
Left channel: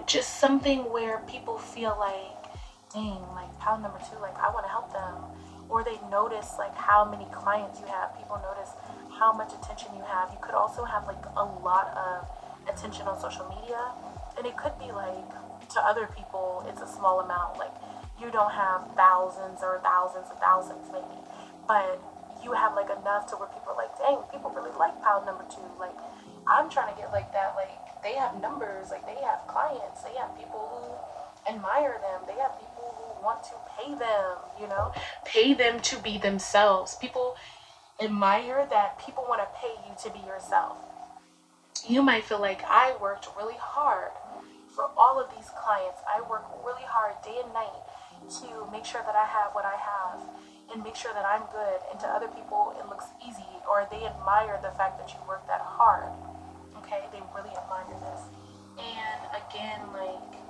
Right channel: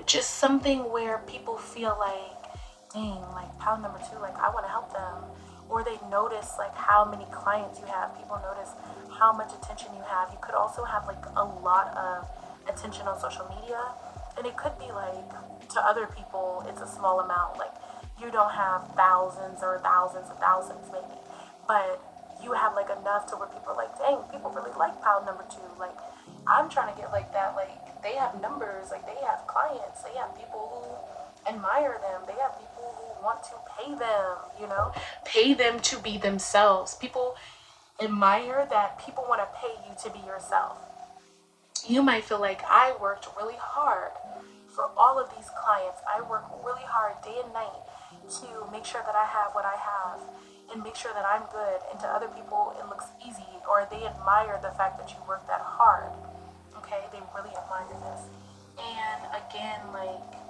Just something where people feel like, dang, like pound number 2, like I want to help them. Or they notice like how many clients you have. People notice how much attention you have. You could also have like a lot of attention on social media, and it could be like, to other people it's a small amount, like you don't have thousands or thousands of thousands maybe, but you have like enough to where people are like, dang, people really like pound number 2, like I'm trying to get like that. Like they have numbers, like they have clients, they have people who admire them, they have people who want to pay them, you know, pay them to be themselves. People admire that people want to pay you to be yourself. You might feel like, I worked really hard for all of these clients. I work really hard day and night to make sure that I have what I have and make sure that I'm good. And to other people, it looks easy, or they admire the fact that you work that hard. Okay, they really admire this. And again, like,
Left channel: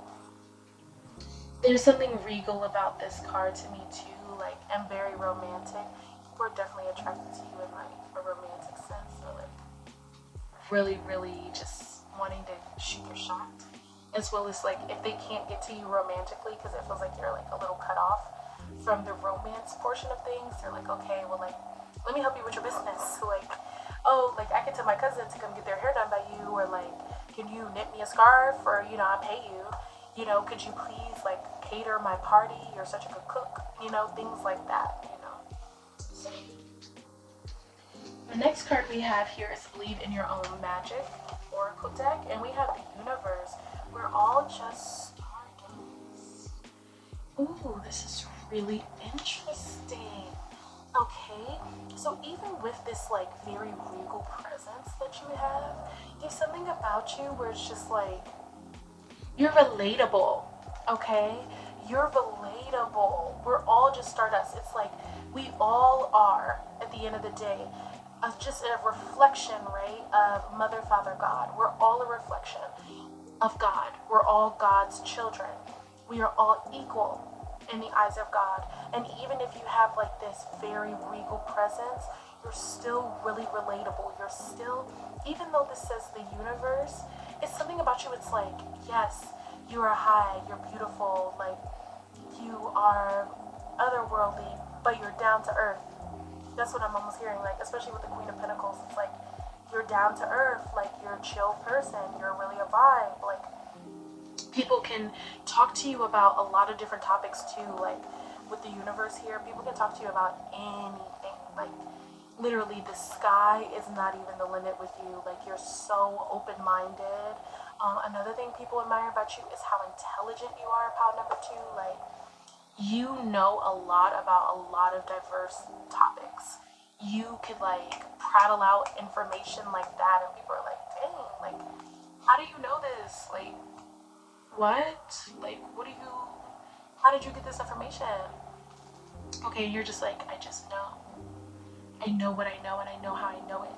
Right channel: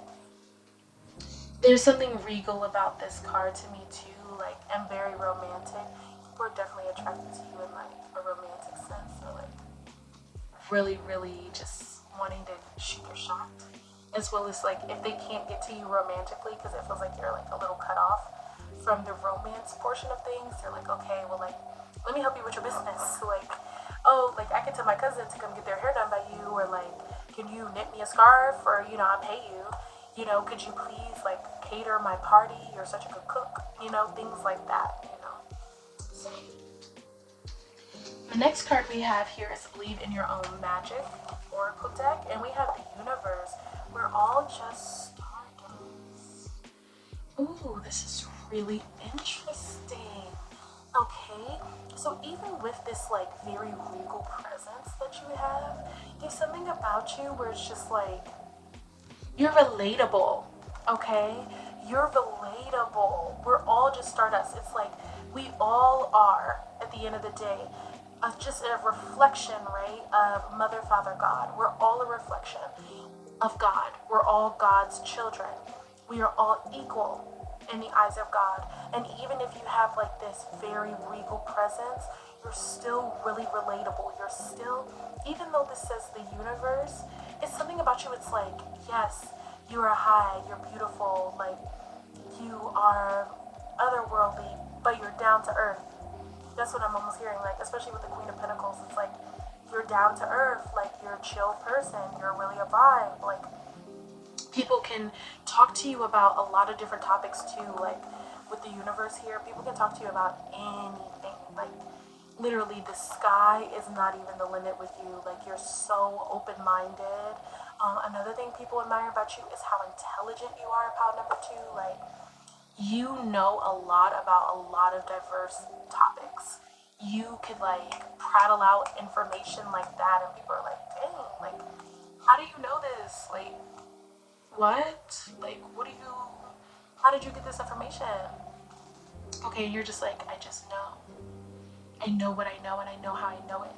there's something regal about this card to me too, like, and very romantic. People are definitely attracted to you in like a romantic sense, so like really, really just wanting to shoot your shot, as well as like if they can't get to you romantically because it feels like you're like a little cut off from the romance portion of things, they're like, okay, well, like, let me help you with your business. So like, oh, like I can tell my cousin to come get their hair done by you, or like, can you knit me a scarf, or you know, I'll pay you. You know, could you please like cater my party? You're such a good cook. You know, things like that. You know. So, the next card we have here is Believe in Your Own Magic Oracle deck, and we have the Universe. We're all just stardust. Ooh, this is really interesting. Okay, so even with this like very regal presence that you have, there's something about you where it's just like, you're relatable, okay? You're relatable. We're all just stardust. It's like we all are, at the end of the day, just a reflection, right, of Mother, Father, God. We're all a reflection of God. We're all God's children. We are all equal in the eyes of God. And even if you have like this very regal presence, you're still really relatable. You're still, even though this says the universe, it's something about you. It's like, yes, you are high, you're beautiful, like you are otherworldly, but you're down to earth. That's what I'm almost hearing, like, especially with the Queen of Pentacles. It's like you're down to earth, like you're a chill person, you're really a vibe. Like people can talk to you about a lot of different topics too. Like with the universe here, people can talk to you about anything. Like literally the sky is not even the limit with you. Like you're so open-minded. Another thing people admire about you is how intelligent you are, pile number 2. Like you know a lot about a lot of diverse topics. You could like prattle out information like that, and people are like, dang, like how do you know this? Like what? Like how did you get this information? Okay, and you're just like, I just know. I know what I know, and I know how I know it.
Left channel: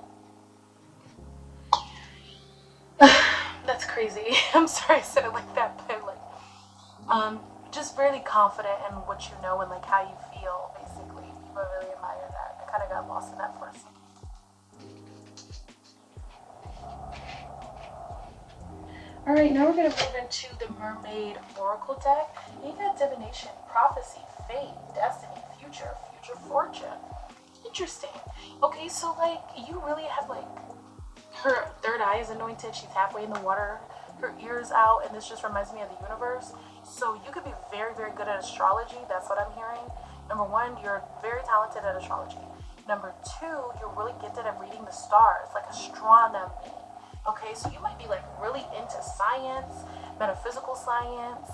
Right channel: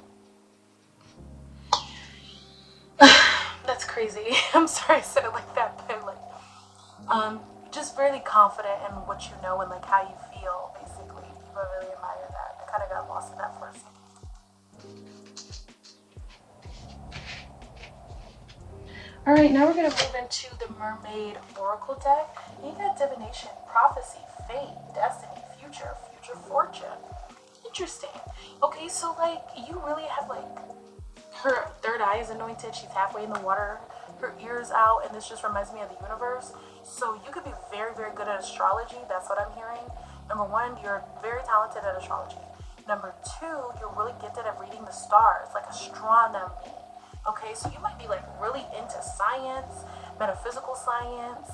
That's crazy. I'm sorry I said it like that, but like, just really confident in what you know and like how you feel, basically. People really admire that. I kind of got lost in that for a second. Alright, now we're going to move into the Mermaid Oracle deck. You got divination, prophecy, fate, destiny, future fortune. Interesting. Okay, so like you really have like, her third eye is anointed, she's halfway in the water, her ears out, and this just reminds me of the universe. So you could be very, very good at astrology. That's what I'm hearing. Number 1, you're very talented at astrology. Number 2, you're really gifted at reading the stars, like astronomy. Okay, so you might be like really into science, metaphysical science.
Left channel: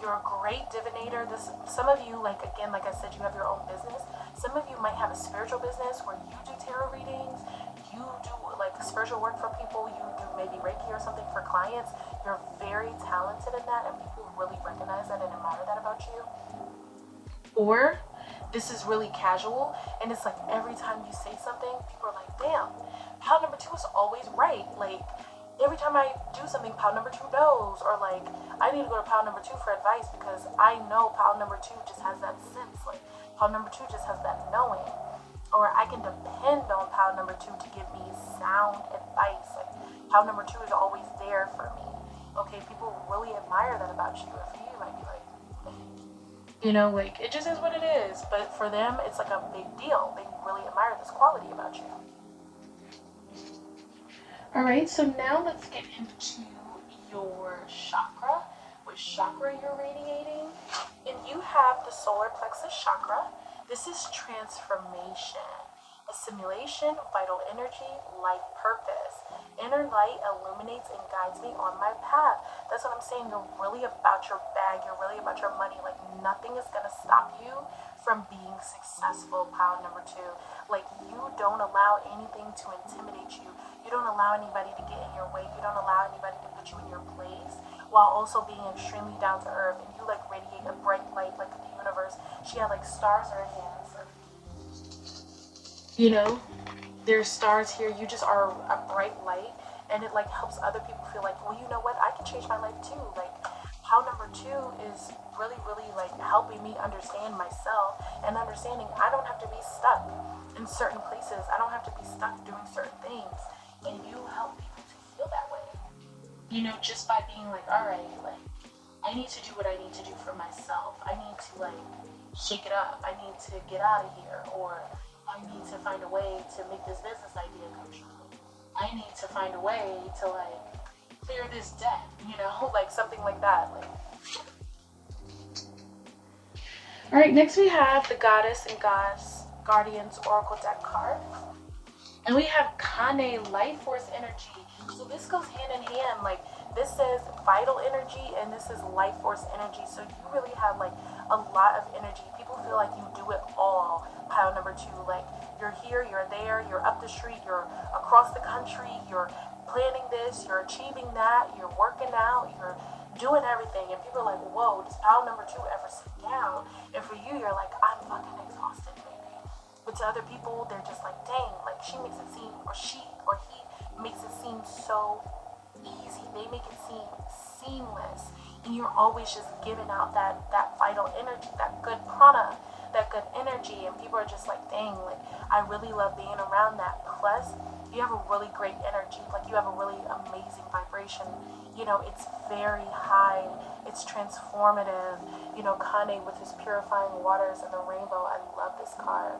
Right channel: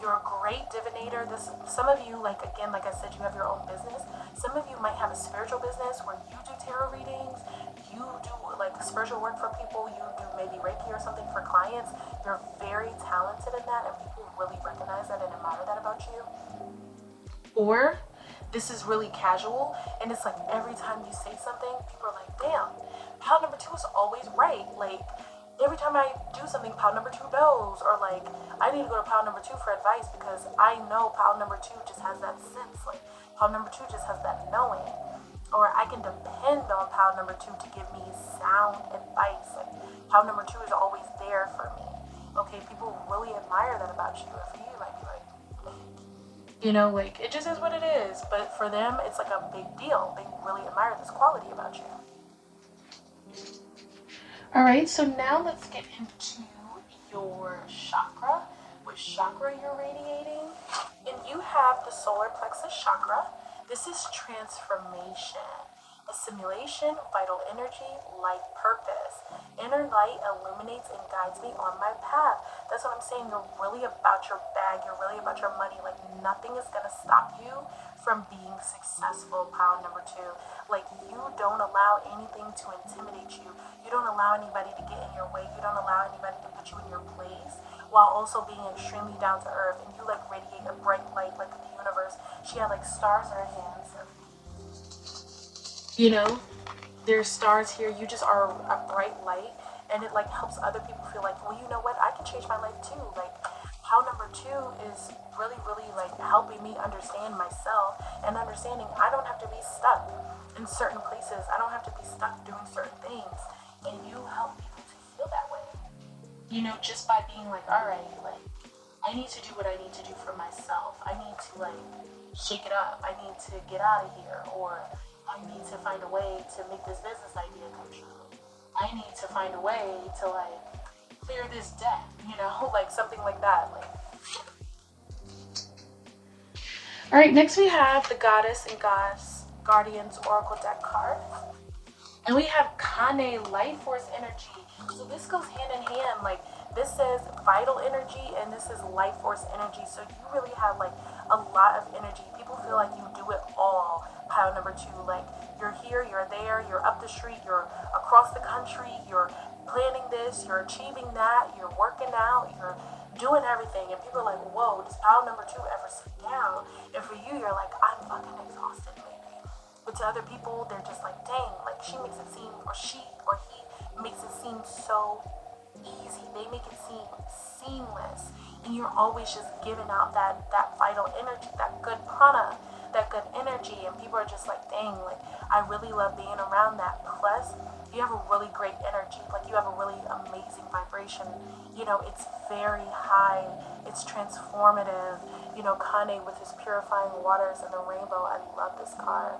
You're a great divinator. Some of you, like again, like I said, you have your own business. Some of you might have a spiritual business where you do tarot readings, you do like spiritual work for people, you do maybe Reiki or something for clients, you're very talented in that, and people really recognize that and admire that about you. Or this is really casual, and it's like every time you say something, people are like, damn, pile number 2 is always right. Like, every time I do something, pile number 2 knows. Or like, I need to go to pile number 2 for advice because I know pile number 2 just has that sense. Like, pile number 2 just has that knowing. Or I can depend on pile number 2 to give me sound advice. Like, pile number 2 is always there for me. Okay, people really admire that about you. Or for you, it might be like, you know, like, it just is what it is. But for them, it's like a big deal. They really admire this quality about you. Alright, so now let's get into your chakra. Which chakra you're radiating. And you have the solar plexus chakra. This is transformation, assimilation, vital energy, life purpose. Inner light illuminates and guides me on my path. That's what I'm saying. You're really about your bag. You're really about your money. Like, nothing is going to stop you from being successful, pile number 2. Like, you don't allow anything to intimidate you. You don't allow anybody to get in your way. You don't allow anybody to put you in your place, while also being extremely down to earth. And you like radiate a bright light like the universe. She had like stars in her hands. You know, there's stars here. You just are a bright light, and it like helps other people feel like, well, you know what? I can change my life too. Like, how number 2 is really, really like helping me understand myself and understanding I don't have to be stuck in certain places. I don't have to be stuck doing certain things. And you help people to feel that way. You know, just by being like, all right, like, I need to do what I need to do for myself. I need to like shake it up. I need to get out of here, or I need to find a way to make this business idea come true. I need to find a way to like clear this debt, you know, like something like that. Like, all right, next we have the Goddess and Guardians Oracle deck card. And we have Kane, life force energy. So this goes hand in hand. Like, this says vital energy and this is life force energy. So you really have like a lot of energy. People feel like you do it all. Pile number 2, like, you're here, you're there, you're up the street, you're across the country, you're planning this, you're achieving that, you're working out, you're doing everything. And people are like, whoa, does pile number 2 ever sit down? And for you, you're like, I'm fucking exhausted, baby. But to other people, they're just like, dang, like, she makes it seem, or she or he makes it seem so easy. They make it seem seamless. And you're always just giving out that vital energy, that good prana, that good energy. And people are just like, dang, like, I really love being around that. Plus, you have a really great energy. Like, you have a really amazing vibration. You know, it's very high. It's transformative. You know, Kane with his purifying waters and the rainbow. I love this card.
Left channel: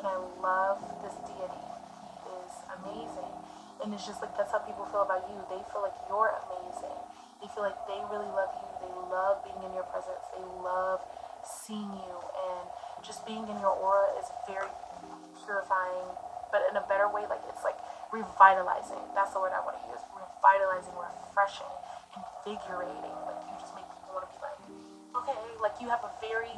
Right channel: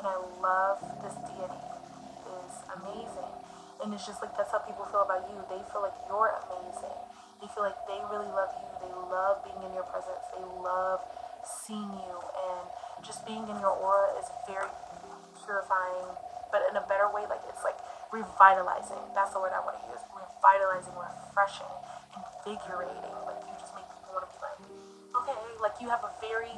And I love this deity. It is amazing. And it's just like, that's how people feel about you. They feel like you're amazing. They feel like they really love you. They love being in your presence. They love seeing you. And just being in your aura is very purifying, but in a better way. Like, it's like revitalizing. That's the word I want to use. Revitalizing, refreshing, invigorating. Like, you just make people want to be like, okay, like, you have a very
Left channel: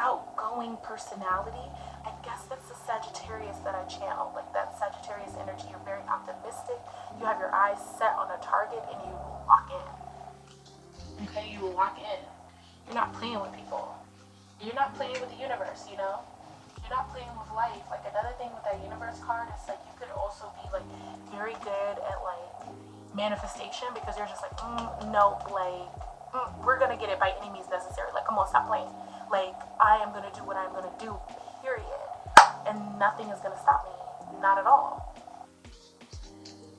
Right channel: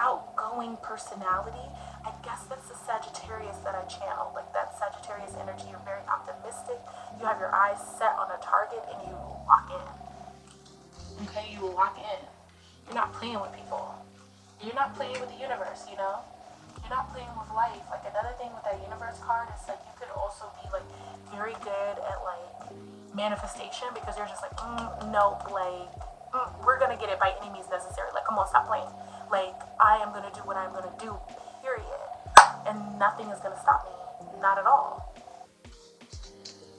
outgoing personality. I guess that's the Sagittarius that I channel. Like, that Sagittarius energy. You're very optimistic. You have your eyes set on a target and you lock in. Okay, you lock in. You're not playing with people. You're not playing with the universe, you know? You're not playing with life. Like, another thing with that universe card is like, you could also be like very good at like manifestation, because you're just like, no, like, we're gonna get it by any means necessary. Like, come on, stop playing. Like, I am gonna do what I'm gonna do, period. And nothing is gonna stop me. Not at all.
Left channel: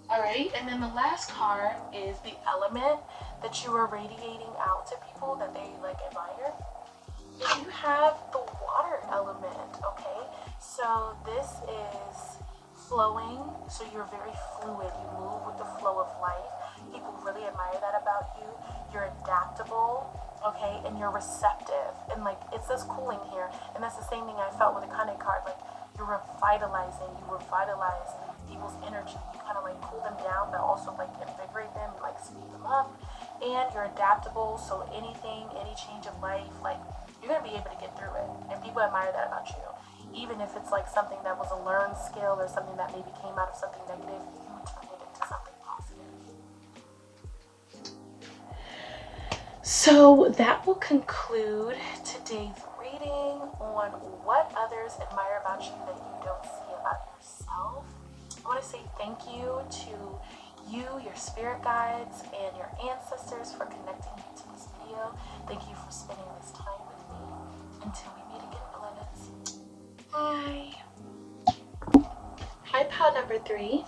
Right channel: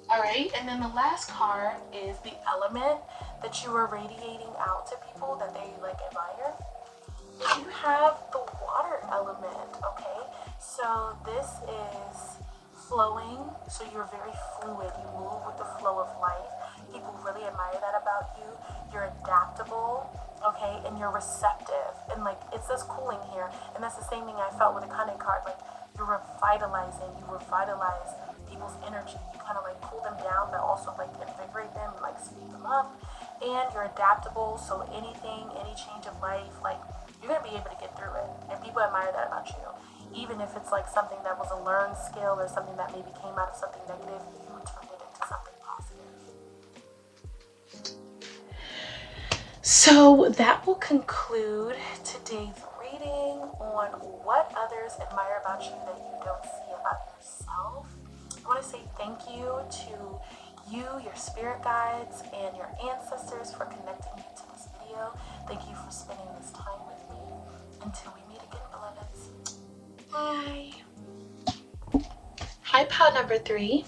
Alright, and then the last card is the element that you are radiating out to people that they like admire. You have the water element, okay? So this is flowing, so you're very fluid. You move with the flow of life. People really admire that about you. You're adaptable, okay? And you're receptive. And like, it says cooling here, and that's the same thing I felt with the Kane card. Like, you're revitalizing. You revitalize people's energy. You kind of like cool them down, but also like invigorate them, like speed them up. And you're adaptable, so anything, any change of life, like, you're gonna be able to get through it. And people admire that about you. even if it's like something that was a learned skill or something that maybe came out of something negative, you turn it into something positive. So that will conclude today's reading on what others admire about you that you don't see about yourself. I want to say thank you to you, your spirit guides, and your ancestors for connecting me to this video. Thank you for spending this time with me. Until we meet again, beloveds. Bye. Hi, pile number 3.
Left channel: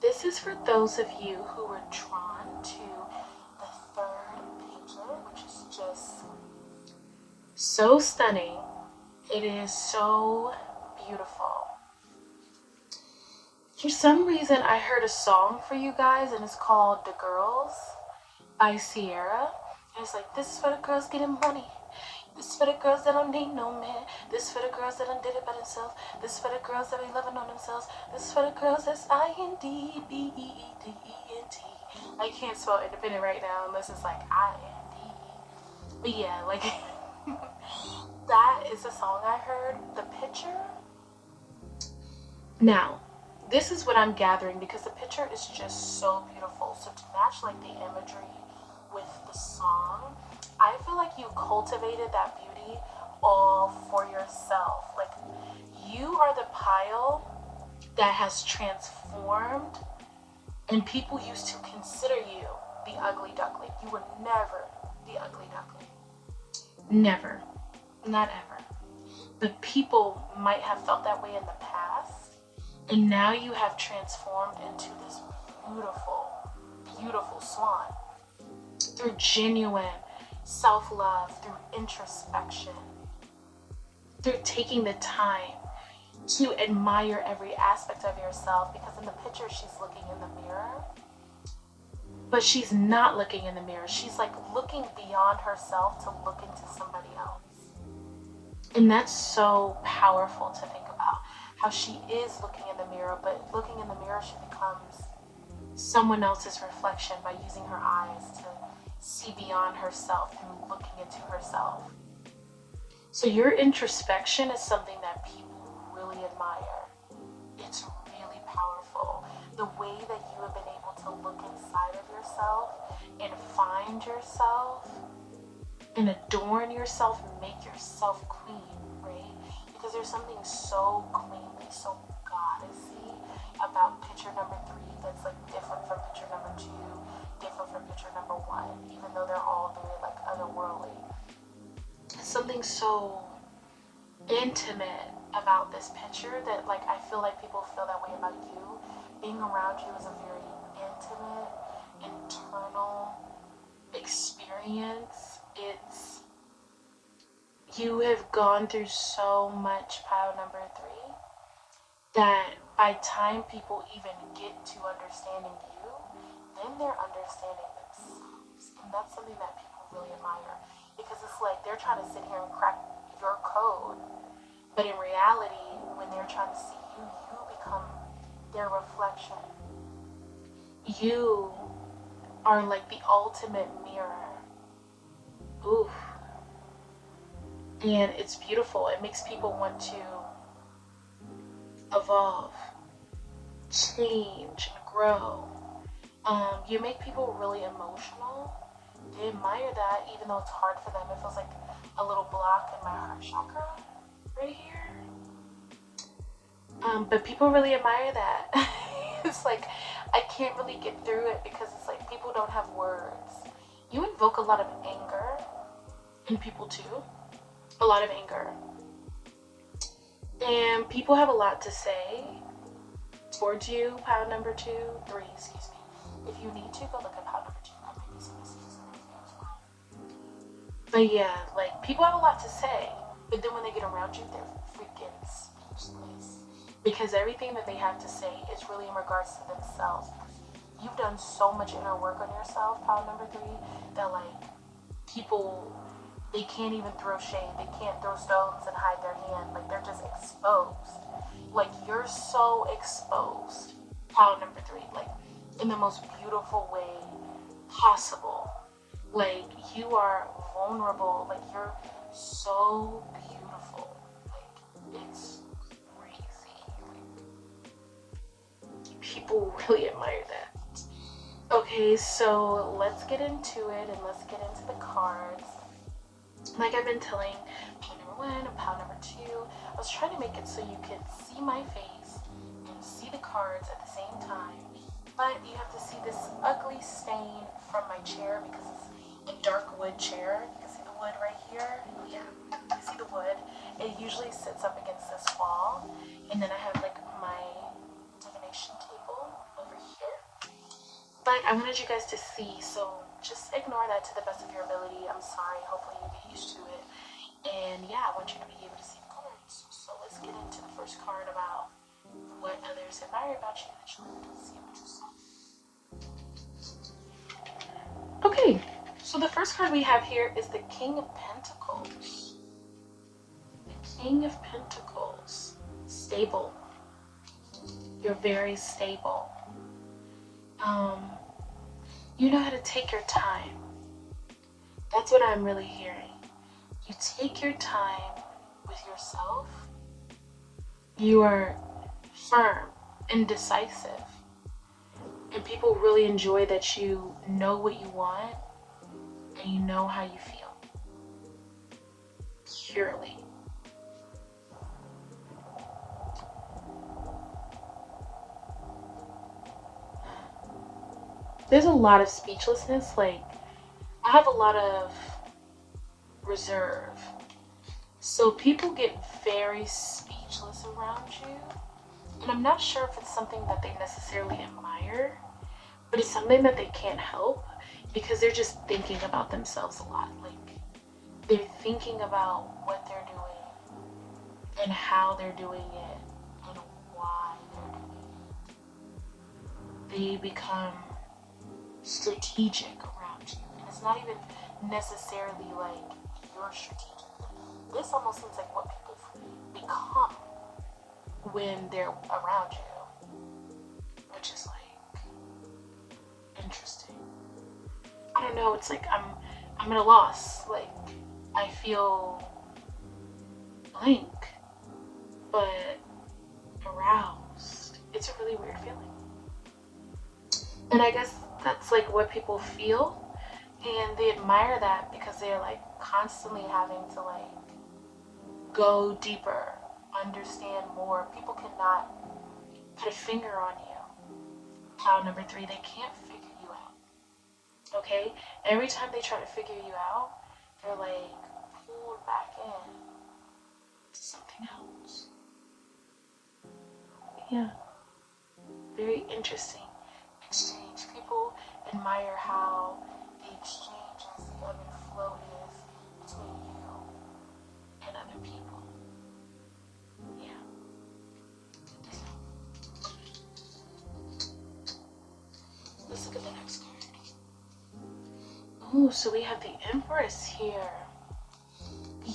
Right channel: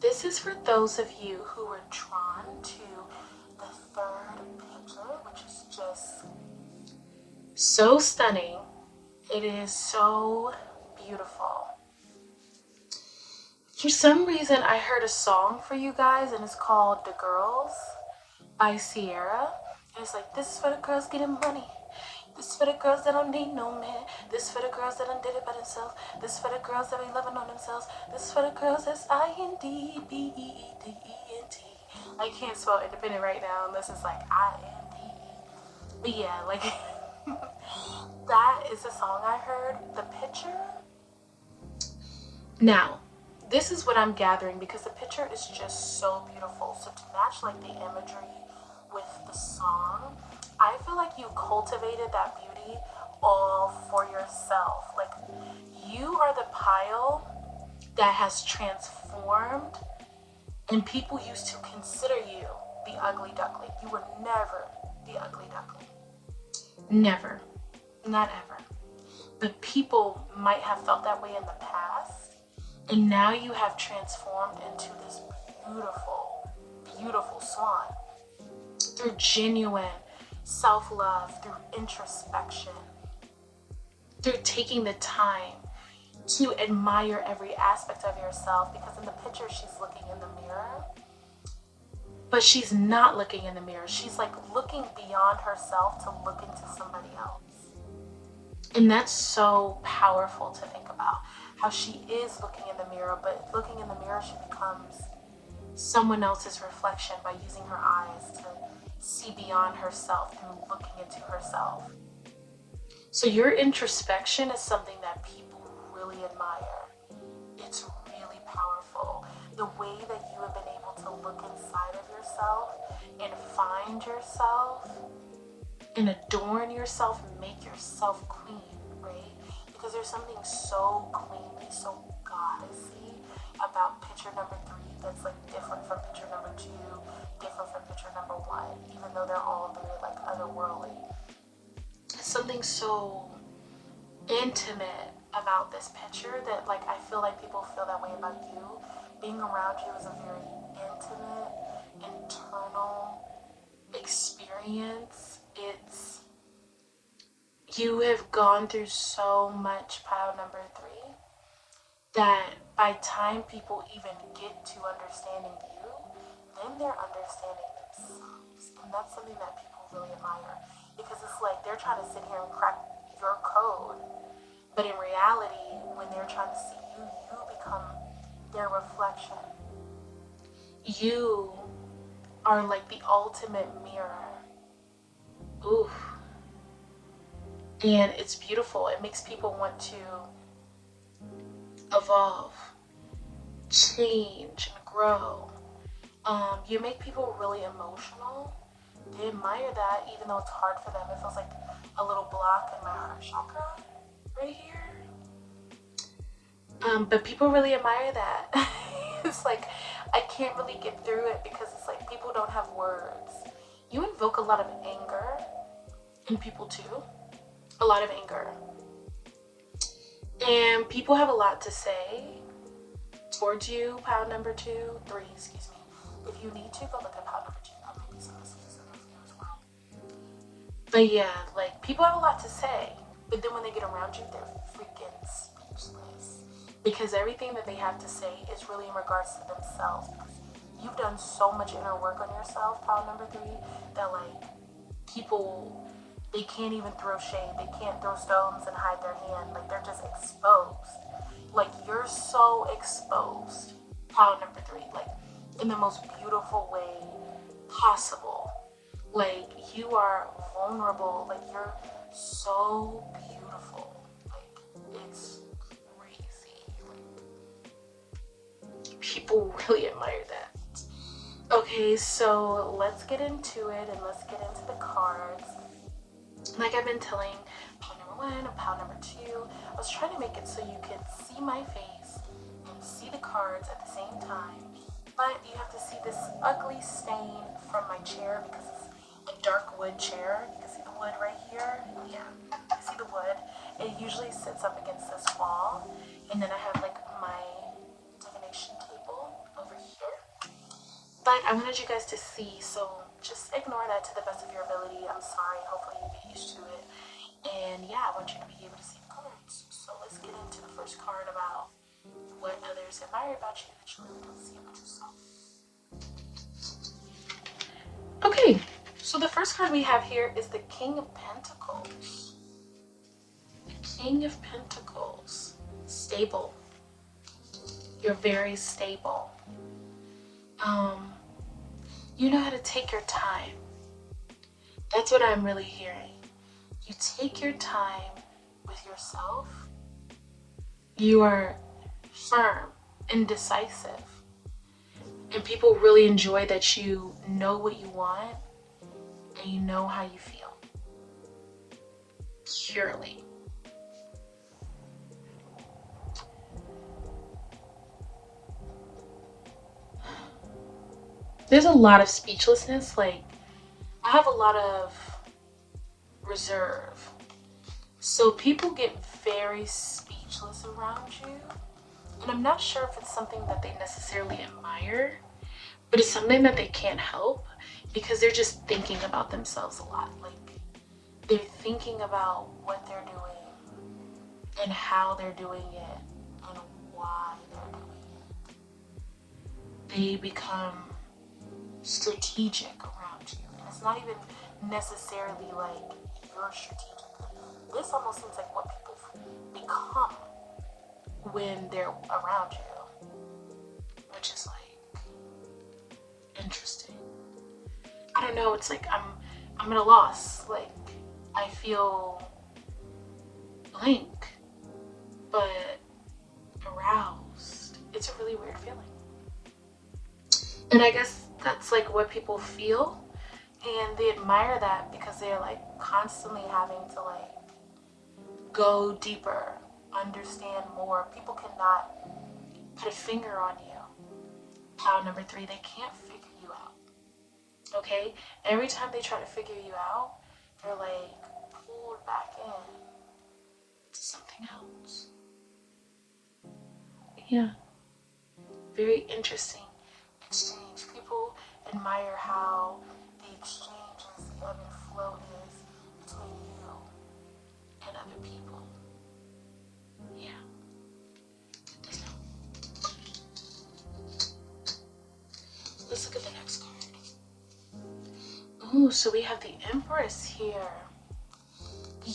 This is for those of you who were drawn to the third picture, which is just so stunning. It is so beautiful. For some reason, I heard a song for you guys, and it's called The Girls by Sierra. And it's like, this is for the girls getting money. This is for the girls that don't need no man. This is for the girls that done did it by themselves. This is for the girls that be loving on themselves. This is for the girls that's INDEPENDENT. I can't spell independent right now unless it's like INDE. But yeah, like that is the song I heard. The picture. Now, this is what I'm gathering because the picture is just so beautiful. So to match like the imagery with the song, I feel like you cultivated that beauty all for yourself. Like, you are the pile that has transformed, and people used to consider you the ugly duckling. You were never the ugly duckling. Never. Not ever. But people might have felt that way in the past, and now you have transformed into this beautiful, beautiful swan through genuine self-love, through introspection, through taking the time to admire every aspect of yourself. Because in the picture, she's looking in the mirror, but she's not looking in the mirror. She's like looking beyond herself to look into somebody else. And that's so powerful to think about, how she is looking in the mirror, but looking in the mirror, she becomes someone else's reflection by using her eyes to see beyond herself through looking into herself. So your introspection is something that people really admire. It's really powerful. The way that you have been able to look inside of yourself and find yourself and adorn yourself and make yourself clean, right? Because there's something so queenly, so goddessy about picture number 3 that's like different from picture number 2, different from picture number 1, even though they're all very like otherworldly. Something so intimate about this picture that like I feel like people feel that way about you. Being around you is a very intimate, internal experience. It's, you have gone through so much, pile number 3, that by time people even get to understanding you, then they're understanding themselves. And that's something that people really admire, because it's like they're trying to sit here and crack your code, but in reality, when they're trying to see you, you become their reflection. You are like the ultimate mirror. Oof. And it's beautiful. It makes people want to evolve, change, and grow. You make people really emotional. They admire that, even though it's hard for them. It feels like a little block in my heart chakra right here. But people really admire that. It's like, I can't really get through it because it's like people don't have words. You invoke a lot of anger in people too. A lot of anger. And people have a lot to say towards you, pile number 2, 3, excuse me. If you need to, go look at pile number 2. There might be some messages in there as well. But yeah, like, people have a lot to say. But then when they get around you, they're freaking speechless. Because everything that they have to say is really in regards to themselves. Because you've done so much inner work on yourself, pile number 3, that like, people, they can't even throw shade. They can't throw stones and hide their hand. Like, they're just exposed. Like, you're so exposed, pile number 3, like, in the most beautiful way possible. Like, you are vulnerable. Like, you're so beautiful. Like, it's people really admire that. Okay, so let's get into it and let's get into the cards. Like I've been telling pile number 1 and pile number 2, I was trying to make it so you could see my face and see the cards at the same time. But you have to see this ugly stain from my chair because it's a dark wood chair. You can see the wood right here. Yeah, you see the wood. It usually sits up against this wall. And then I have like my divination table over here. But I wanted you guys to see, so just ignore that to the best of your ability. I'm sorry, hopefully you get used to it. And yeah, I want you to be able to see the cards. So let's get into the first card about what others admire about you that you really don't see about yourself. Okay, so the first card we have here is the King of Pentacles. The King of Pentacles. Stable. You're very stable. You know how to take your time. That's what I'm really hearing. You take your time with yourself. You are firm and decisive. And people really enjoy that you know what you want and you know how you feel. Purely. There's a lot of speechlessness. Like, I have a lot of reserve. So people get very speechless around you. And I'm not sure if it's something that they necessarily admire, but it's something that they can't help because they're just thinking about themselves a lot. Like, they're thinking about what they're doing and how they're doing it and why they're doing it. They become strategic around you. And it's not even necessarily like you're strategic. This almost seems like what people become when they're around you, which is like interesting. I don't know, it's like I'm at a loss. Like, I feel blank but aroused. It's a really weird feeling. And I guess that's like what people feel, and they admire that because they're like constantly having to like go deeper, understand more. People cannot put a finger on you. Pile number 3, they can't figure you out. Okay? Every time they try to figure you out, they're like pulled back in to something else. Yeah. Very interesting exchange. People admire how the exchange is, the ebb and flow is between you and other people. Yeah. Let's look at the next card. Ooh, so we have the Empress here.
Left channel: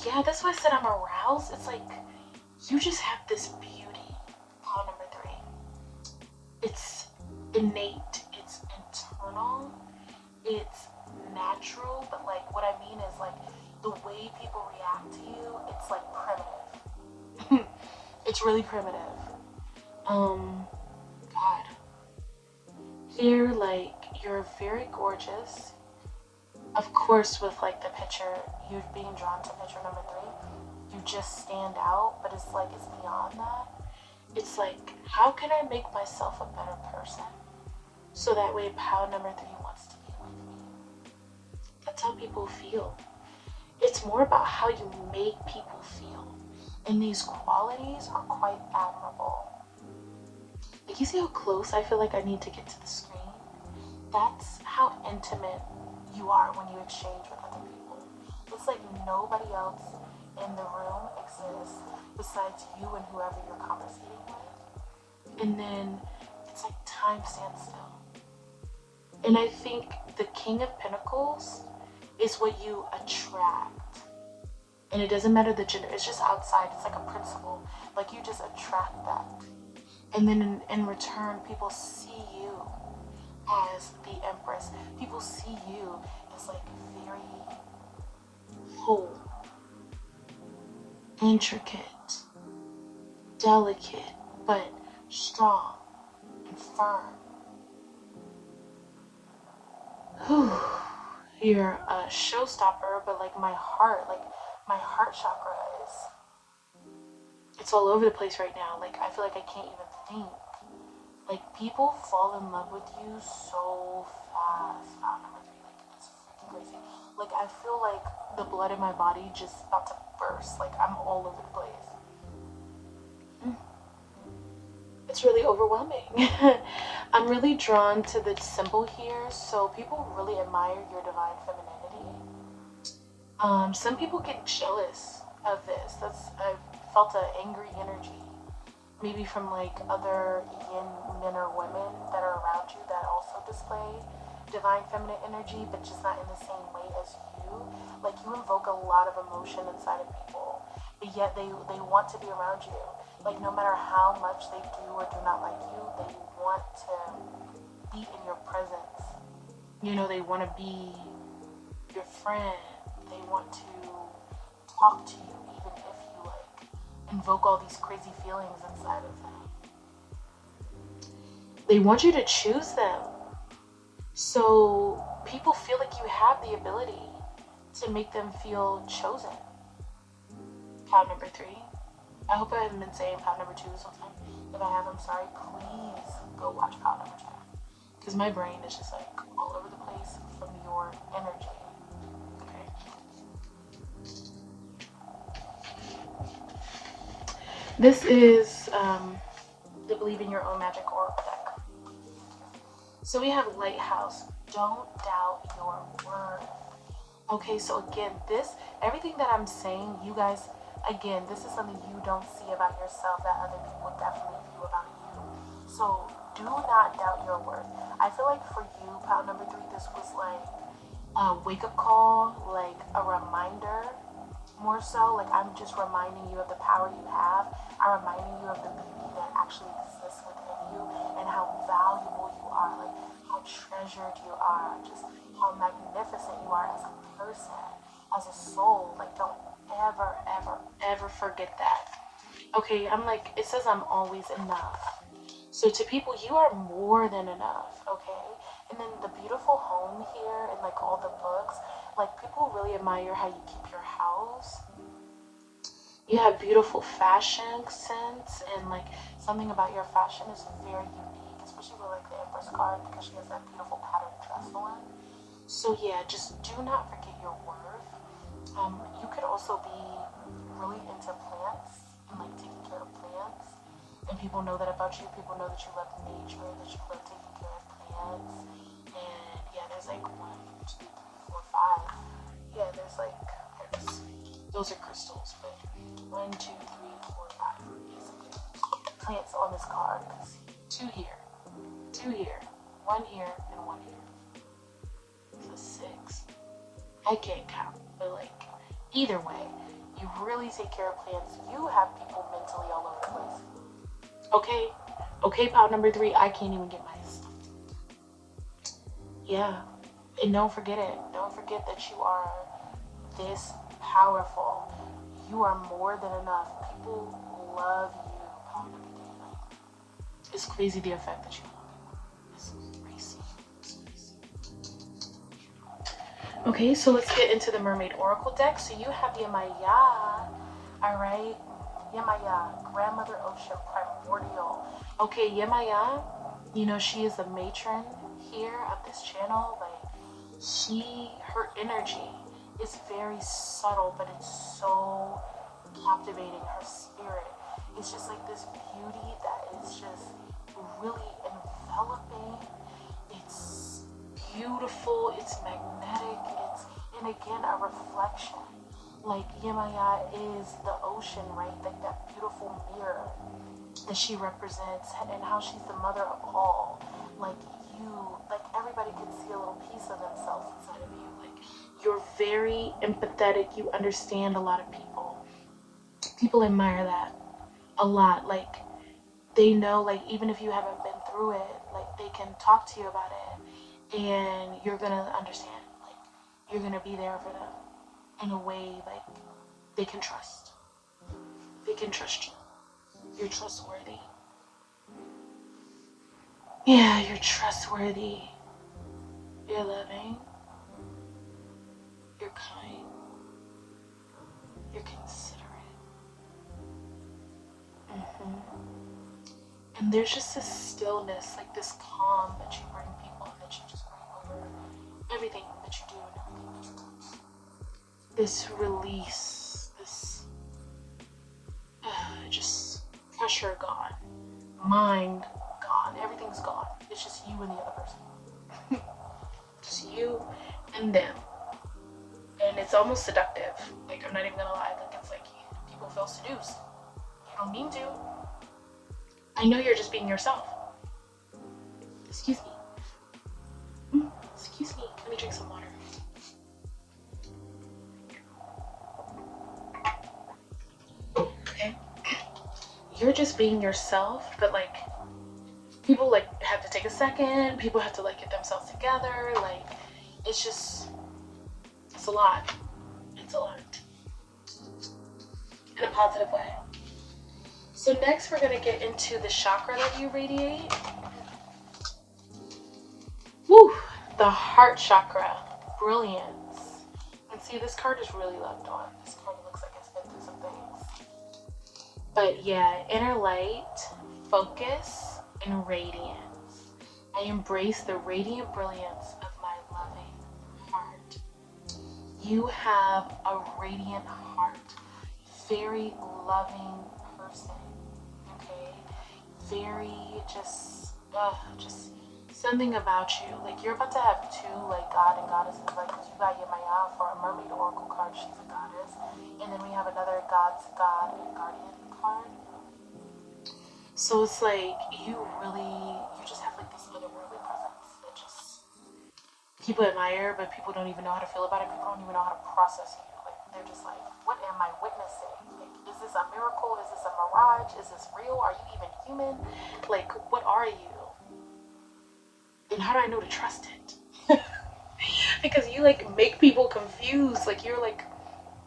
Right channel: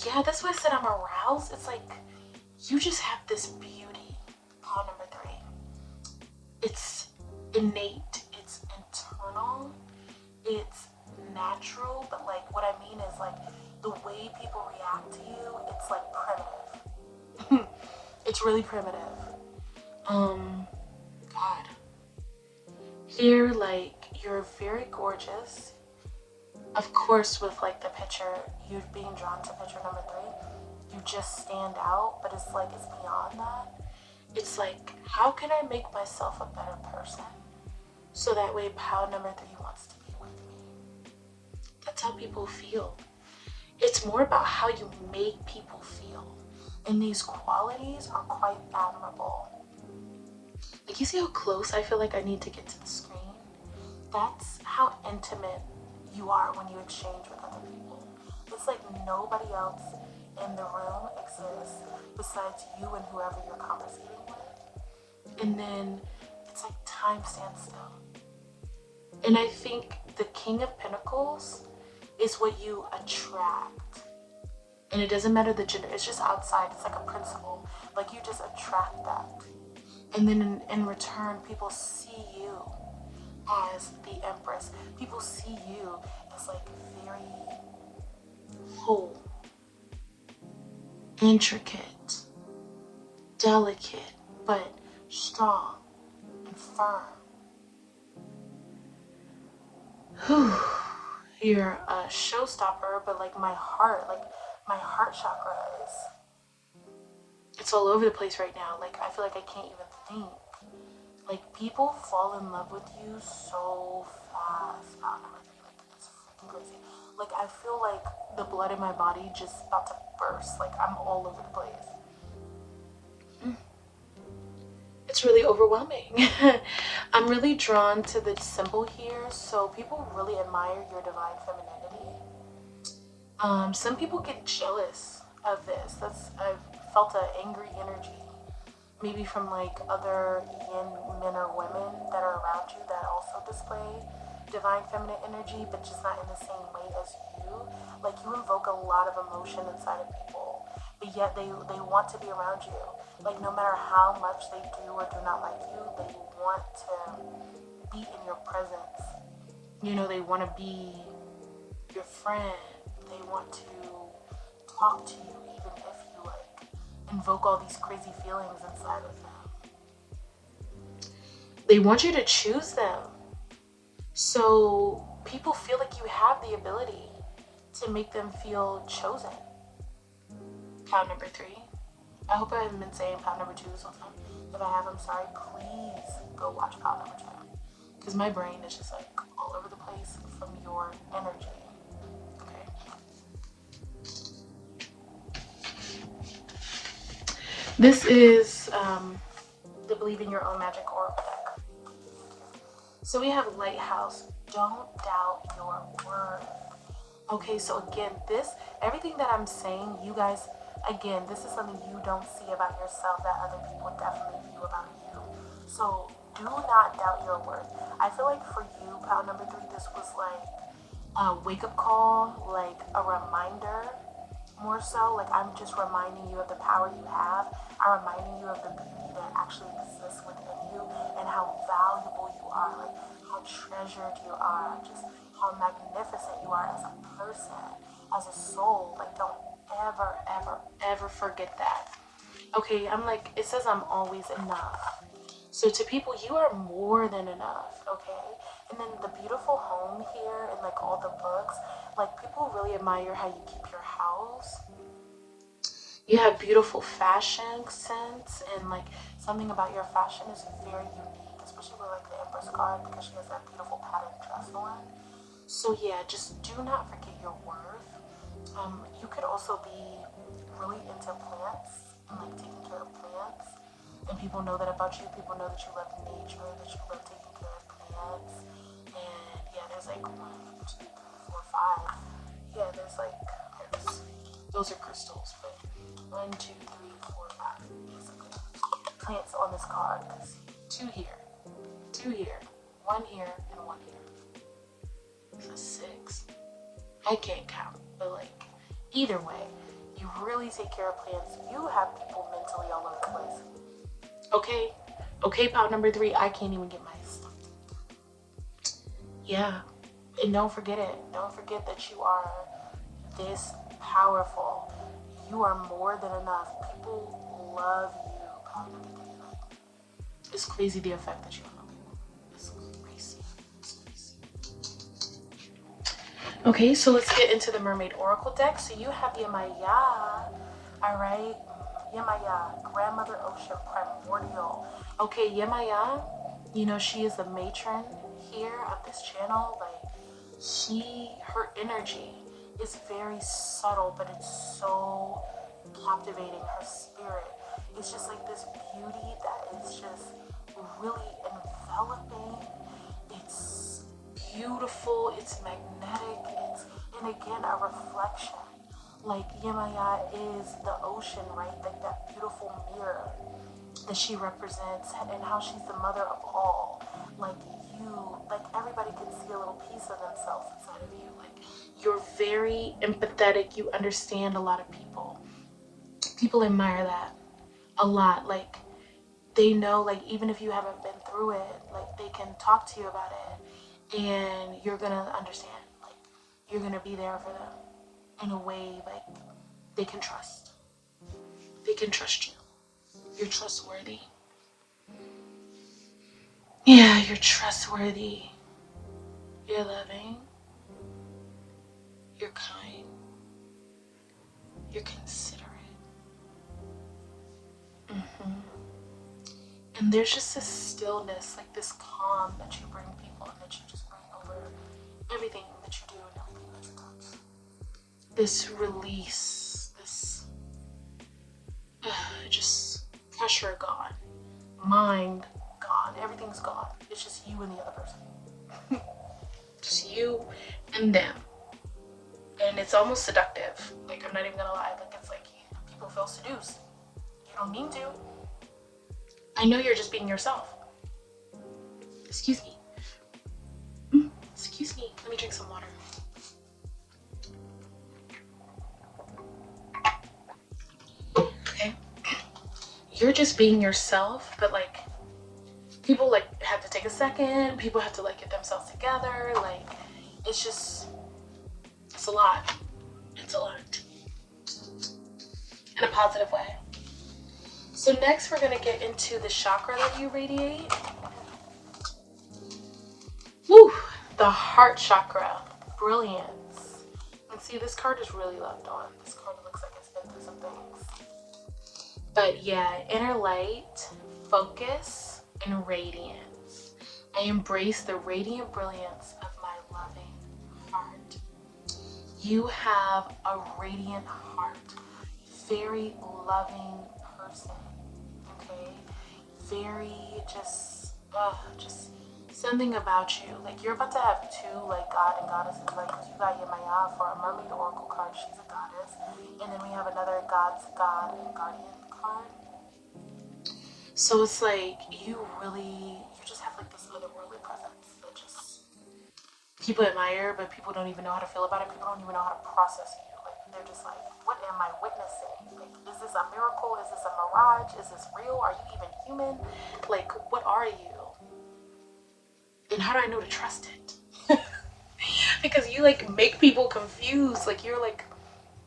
Yeah, that's why I said I'm aroused. It's like you just have this beauty. Pile number 3. It's innate. It's internal. It's natural. But like what I mean is like the way people react to you, it's like primitive. It's really primitive. God. Here, like, you're very gorgeous. Of course, with like the picture, you being drawn to picture number 3, you just stand out, but it's like it's beyond that. It's like, how can I make myself a better person so that way pile number 3 wants to be with me? That's how people feel. It's more about how you make people feel, and these qualities are quite admirable. Like, you see how close I feel like I need to get to the screen? That's how intimate you are when you exchange with other people. It's like nobody else in the room exists besides you and whoever you're conversating with. And then it's like time stands still. And I think the King of Pentacles is what you attract. And it doesn't matter the gender, it's just outside. It's like a principle. Like, you just attract that. And then in return, people see you as the Empress. People see you as like very whole, intricate, delicate, but strong and firm. Whew. You're a showstopper, but like my heart chakra it's all over the place right now. Like I feel like I can't even think. Like people fall in love with you so fast. Like it's freaking crazy. Like I feel like the blood in my body just about to burst. Like I'm all over the place. It's really overwhelming. I'm really drawn to the symbol here. So people really admire your divine femininity. Some people get jealous of this. I've felt an angry energy. Maybe from like other yin men or women that are around you that also display divine feminine energy, but just not in the same way as you. Like you invoke a lot of emotion inside of people, but yet they want to be around you. Like no matter how much they do or do not like you, they want to be in your presence. You know, they want to be your friend. They want to talk to you even if you like invoke all these crazy feelings inside of them. They want you to choose them. So people feel like you have the ability to make them feel chosen. Pound number 3. I hope I haven't been saying pound number 2 something. If I have, I'm sorry. Please go watch pound number 2. Because my brain is just like all over the place from your energy. Okay. This is the Believe in Your Own Magic Oracle deck. So we have Lighthouse. Don't doubt your worth. Okay, so again, everything that I'm saying, you guys, again, this is something you don't see about yourself that other people definitely view about you. So do not doubt your worth. I feel like for you, pound number 3, this was like a wake-up call, like a reminder. More so, like I'm just reminding you of the power you have. I'm reminding you of the beauty that actually exists within you and how valuable you are, like how treasured you are, just how magnificent you are as a person, as a soul. Like don't ever, ever, ever forget that. Okay, I'm like, it says I'm always enough. So to people, you are more than enough, okay? And then the beautiful home here and like all the books, like people really admire how you keep your house. You have beautiful fashion sense, and like something about your fashion is very unique, especially with like the Empress card because she has that beautiful patterned dress on. So yeah, just do not forget your worth. You could also be really into plants and like taking care of plants. And people know that about you. People know that you love nature, that you love taking care of plants. And yeah, there's like 1, 2, 3, 4, 5. Yeah, those are crystals, but 1, 2, 3, 4, 5. Yes, plants on this card. 2 here, 2 here, 1 here, and 1 here. So 6. I can't count, but like either way, you really take care of plants. You have people mentally all over the place. Okay, pound number 3, I can't even get my stuff. Yeah, and don't forget it. Don't forget that you are this powerful. You are more than enough. People love you, pound number 3. It's crazy the effect that you have on people. It's crazy. Okay, so let's get into the Mermaid Oracle deck. So you have Yemaya, all right? Yemaya, Grandmother Ocean, Primordial. Okay, Yemaya, you know, she is the matron here of this channel. Like, her energy is very subtle, but it's so captivating. Her spirit is just like this beauty that is just really enveloping. It's beautiful, it's magnetic, and again, a reflection. Like Yemaya is the ocean, right? Like that beautiful mirror that she represents, and how she's the mother of all. Like everybody can see a little piece of themselves inside of you. Like you're very empathetic. You understand a lot of people. People admire that a lot. Like they know, like even if you haven't been through it, like they can talk to you about it, and you're gonna understand. Like you're gonna be there for them in a way like they can trust. They can trust you. You're trustworthy. Yeah, you're trustworthy. You're loving. You're kind. You're considerate. And there's just this stillness, like this calm that you bring people and that you just bring over everything that you do and everything that you touch. This release, this just pressure gone, mind gone, everything's gone. It's just you and the other person. Just you and them. And it's almost seductive. Like, I'm not even gonna lie. Like, it's like people feel seduced. You don't mean to. I know you're just being yourself. Excuse me. Excuse me. Let me drink some water. Okay. You're just being yourself, but like, people like have to take a second. People have to like get themselves together. Like, it's just, it's a lot. It's a lot. In a positive way. So next we're going to get into the chakra that you radiate. Woo! The heart chakra. Brilliance. And see, this card is really loved on. This card looks like it's been through some things. But yeah, inner light, focus, and radiance. I embrace the radiant brilliance of my loving heart. You have a radiant heart. Very loving person. Very just something about you. Like, you're about to have two like god and goddesses. Like, you got your Maya for a mermaid oracle card, she's a goddess, and then we have another god's god and guardian card. So it's like you just have like this otherworldly presence that just people admire, but people don't even know how to feel about it. People don't even know how to process you. Like, they're just like, what am I witnessing? Like, is this a miracle? Is this a mirage? Is this real? Are you even human? Like, what are you? And how do I know to trust it? Because you like make people confused. Like, you're like,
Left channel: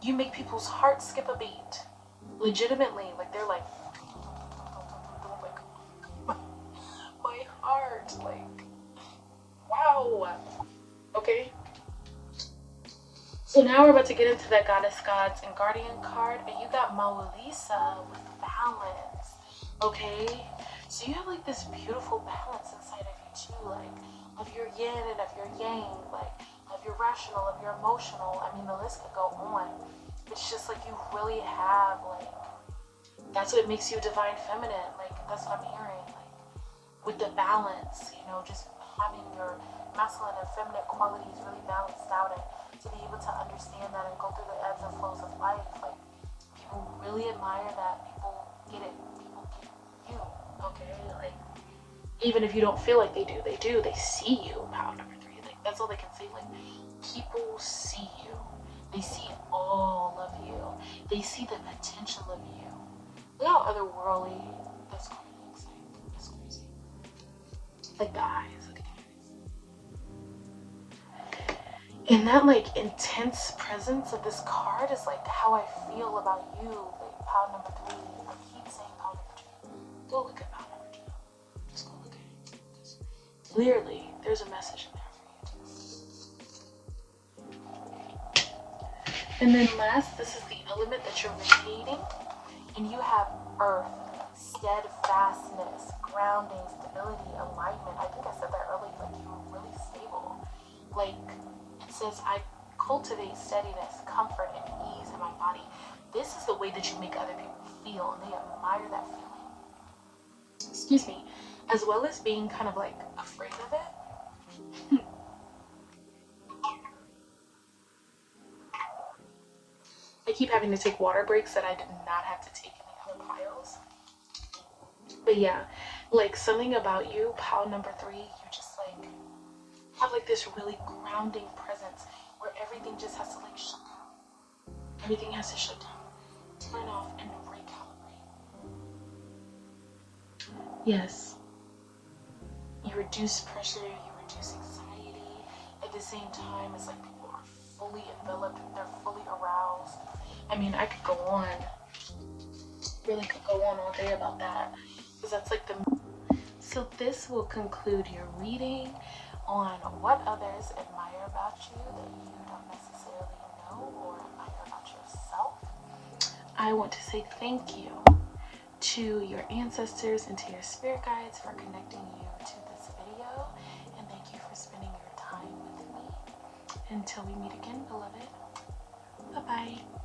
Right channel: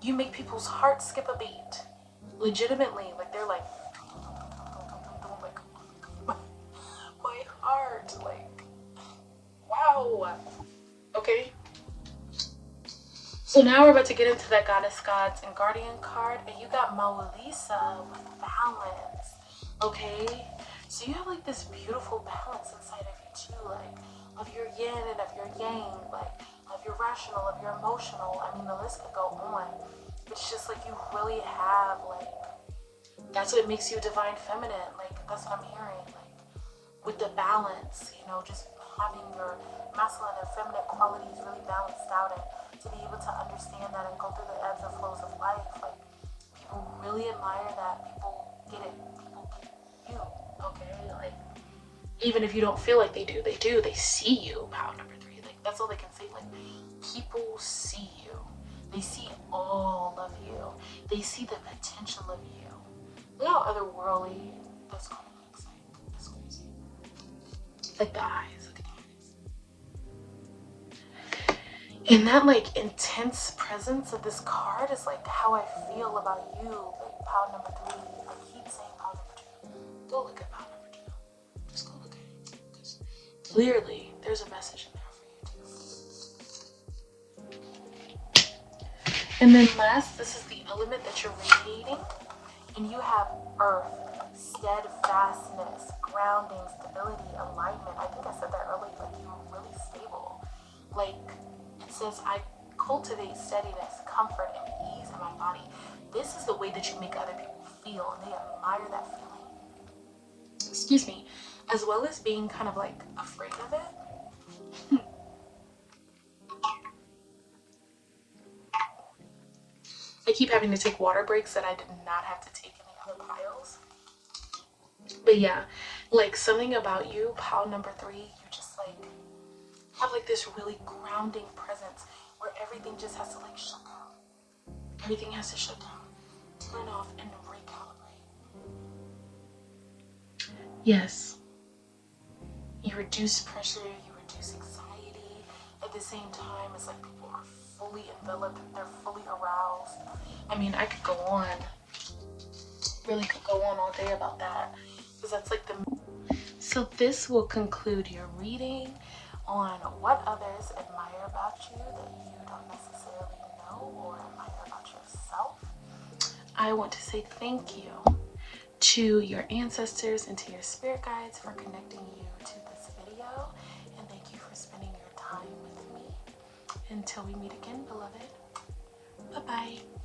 you make people's hearts skip a beat. Legitimately. Like, they're like, my heart. Like, wow. Okay. So now we're about to get into that goddess, gods, and guardian card. And you got Moalisa with balance. Okay? So you have like this beautiful balance inside of you too. Like, of your yin and of your yang. Like, of your rational, of your emotional. I mean, the list could go on. It's just like you really have like, that's what makes you divine feminine. Like, that's what I'm hearing. Like, with the balance, you know, just having your masculine and feminine qualities really balanced out, and to be able to understand that and go through the ebbs and flows of life. Like, people really admire that. People get it. People get you. Okay? Like, even if you don't feel like they do. They see you. Power number 3. Like, that's all they can say. Like, people see you. They see all of you. They see the potential of you. Look how otherworldly this card looks like. It's crazy. Like the eyes. Look at the eyes. And that like intense presence of this card is like how I feel about you. Like, power number 3. I keep saying power number 2. Go look at power number 2. Just go look at it. Because clearly there's a message in there for you too. And then last, this is the element that you're radiating. And you have earth, steadfastness, grounding, stability, alignment. I think I said that earlier. Like, you're really stable. Like, it says, I cultivate steadiness, comfort, and ease in my body. This is the way that you make other people feel, and they admire that feeling. Excuse me. As well as being kind of like afraid of it. I keep having to take water breaks that I did not have to take in the other piles. But yeah, like, something about you, pile number 3, you just like have like this really grounding presence where everything just has to like shut down. Everything has to shut down, turn off, and recalibrate. Yes. You reduce pressure, you reduce anxiety. At the same time, it's like people are fully enveloped, they're fully aroused. I mean, I could go on, really could go on all day about that, because that's like the So this will conclude your reading on what others admire about you that you don't necessarily know or admire about yourself. I want to say thank you to your ancestors and to your spirit guides for connecting you to this video, and thank you for spending your time with me. Until we meet again, beloved. Bye-bye.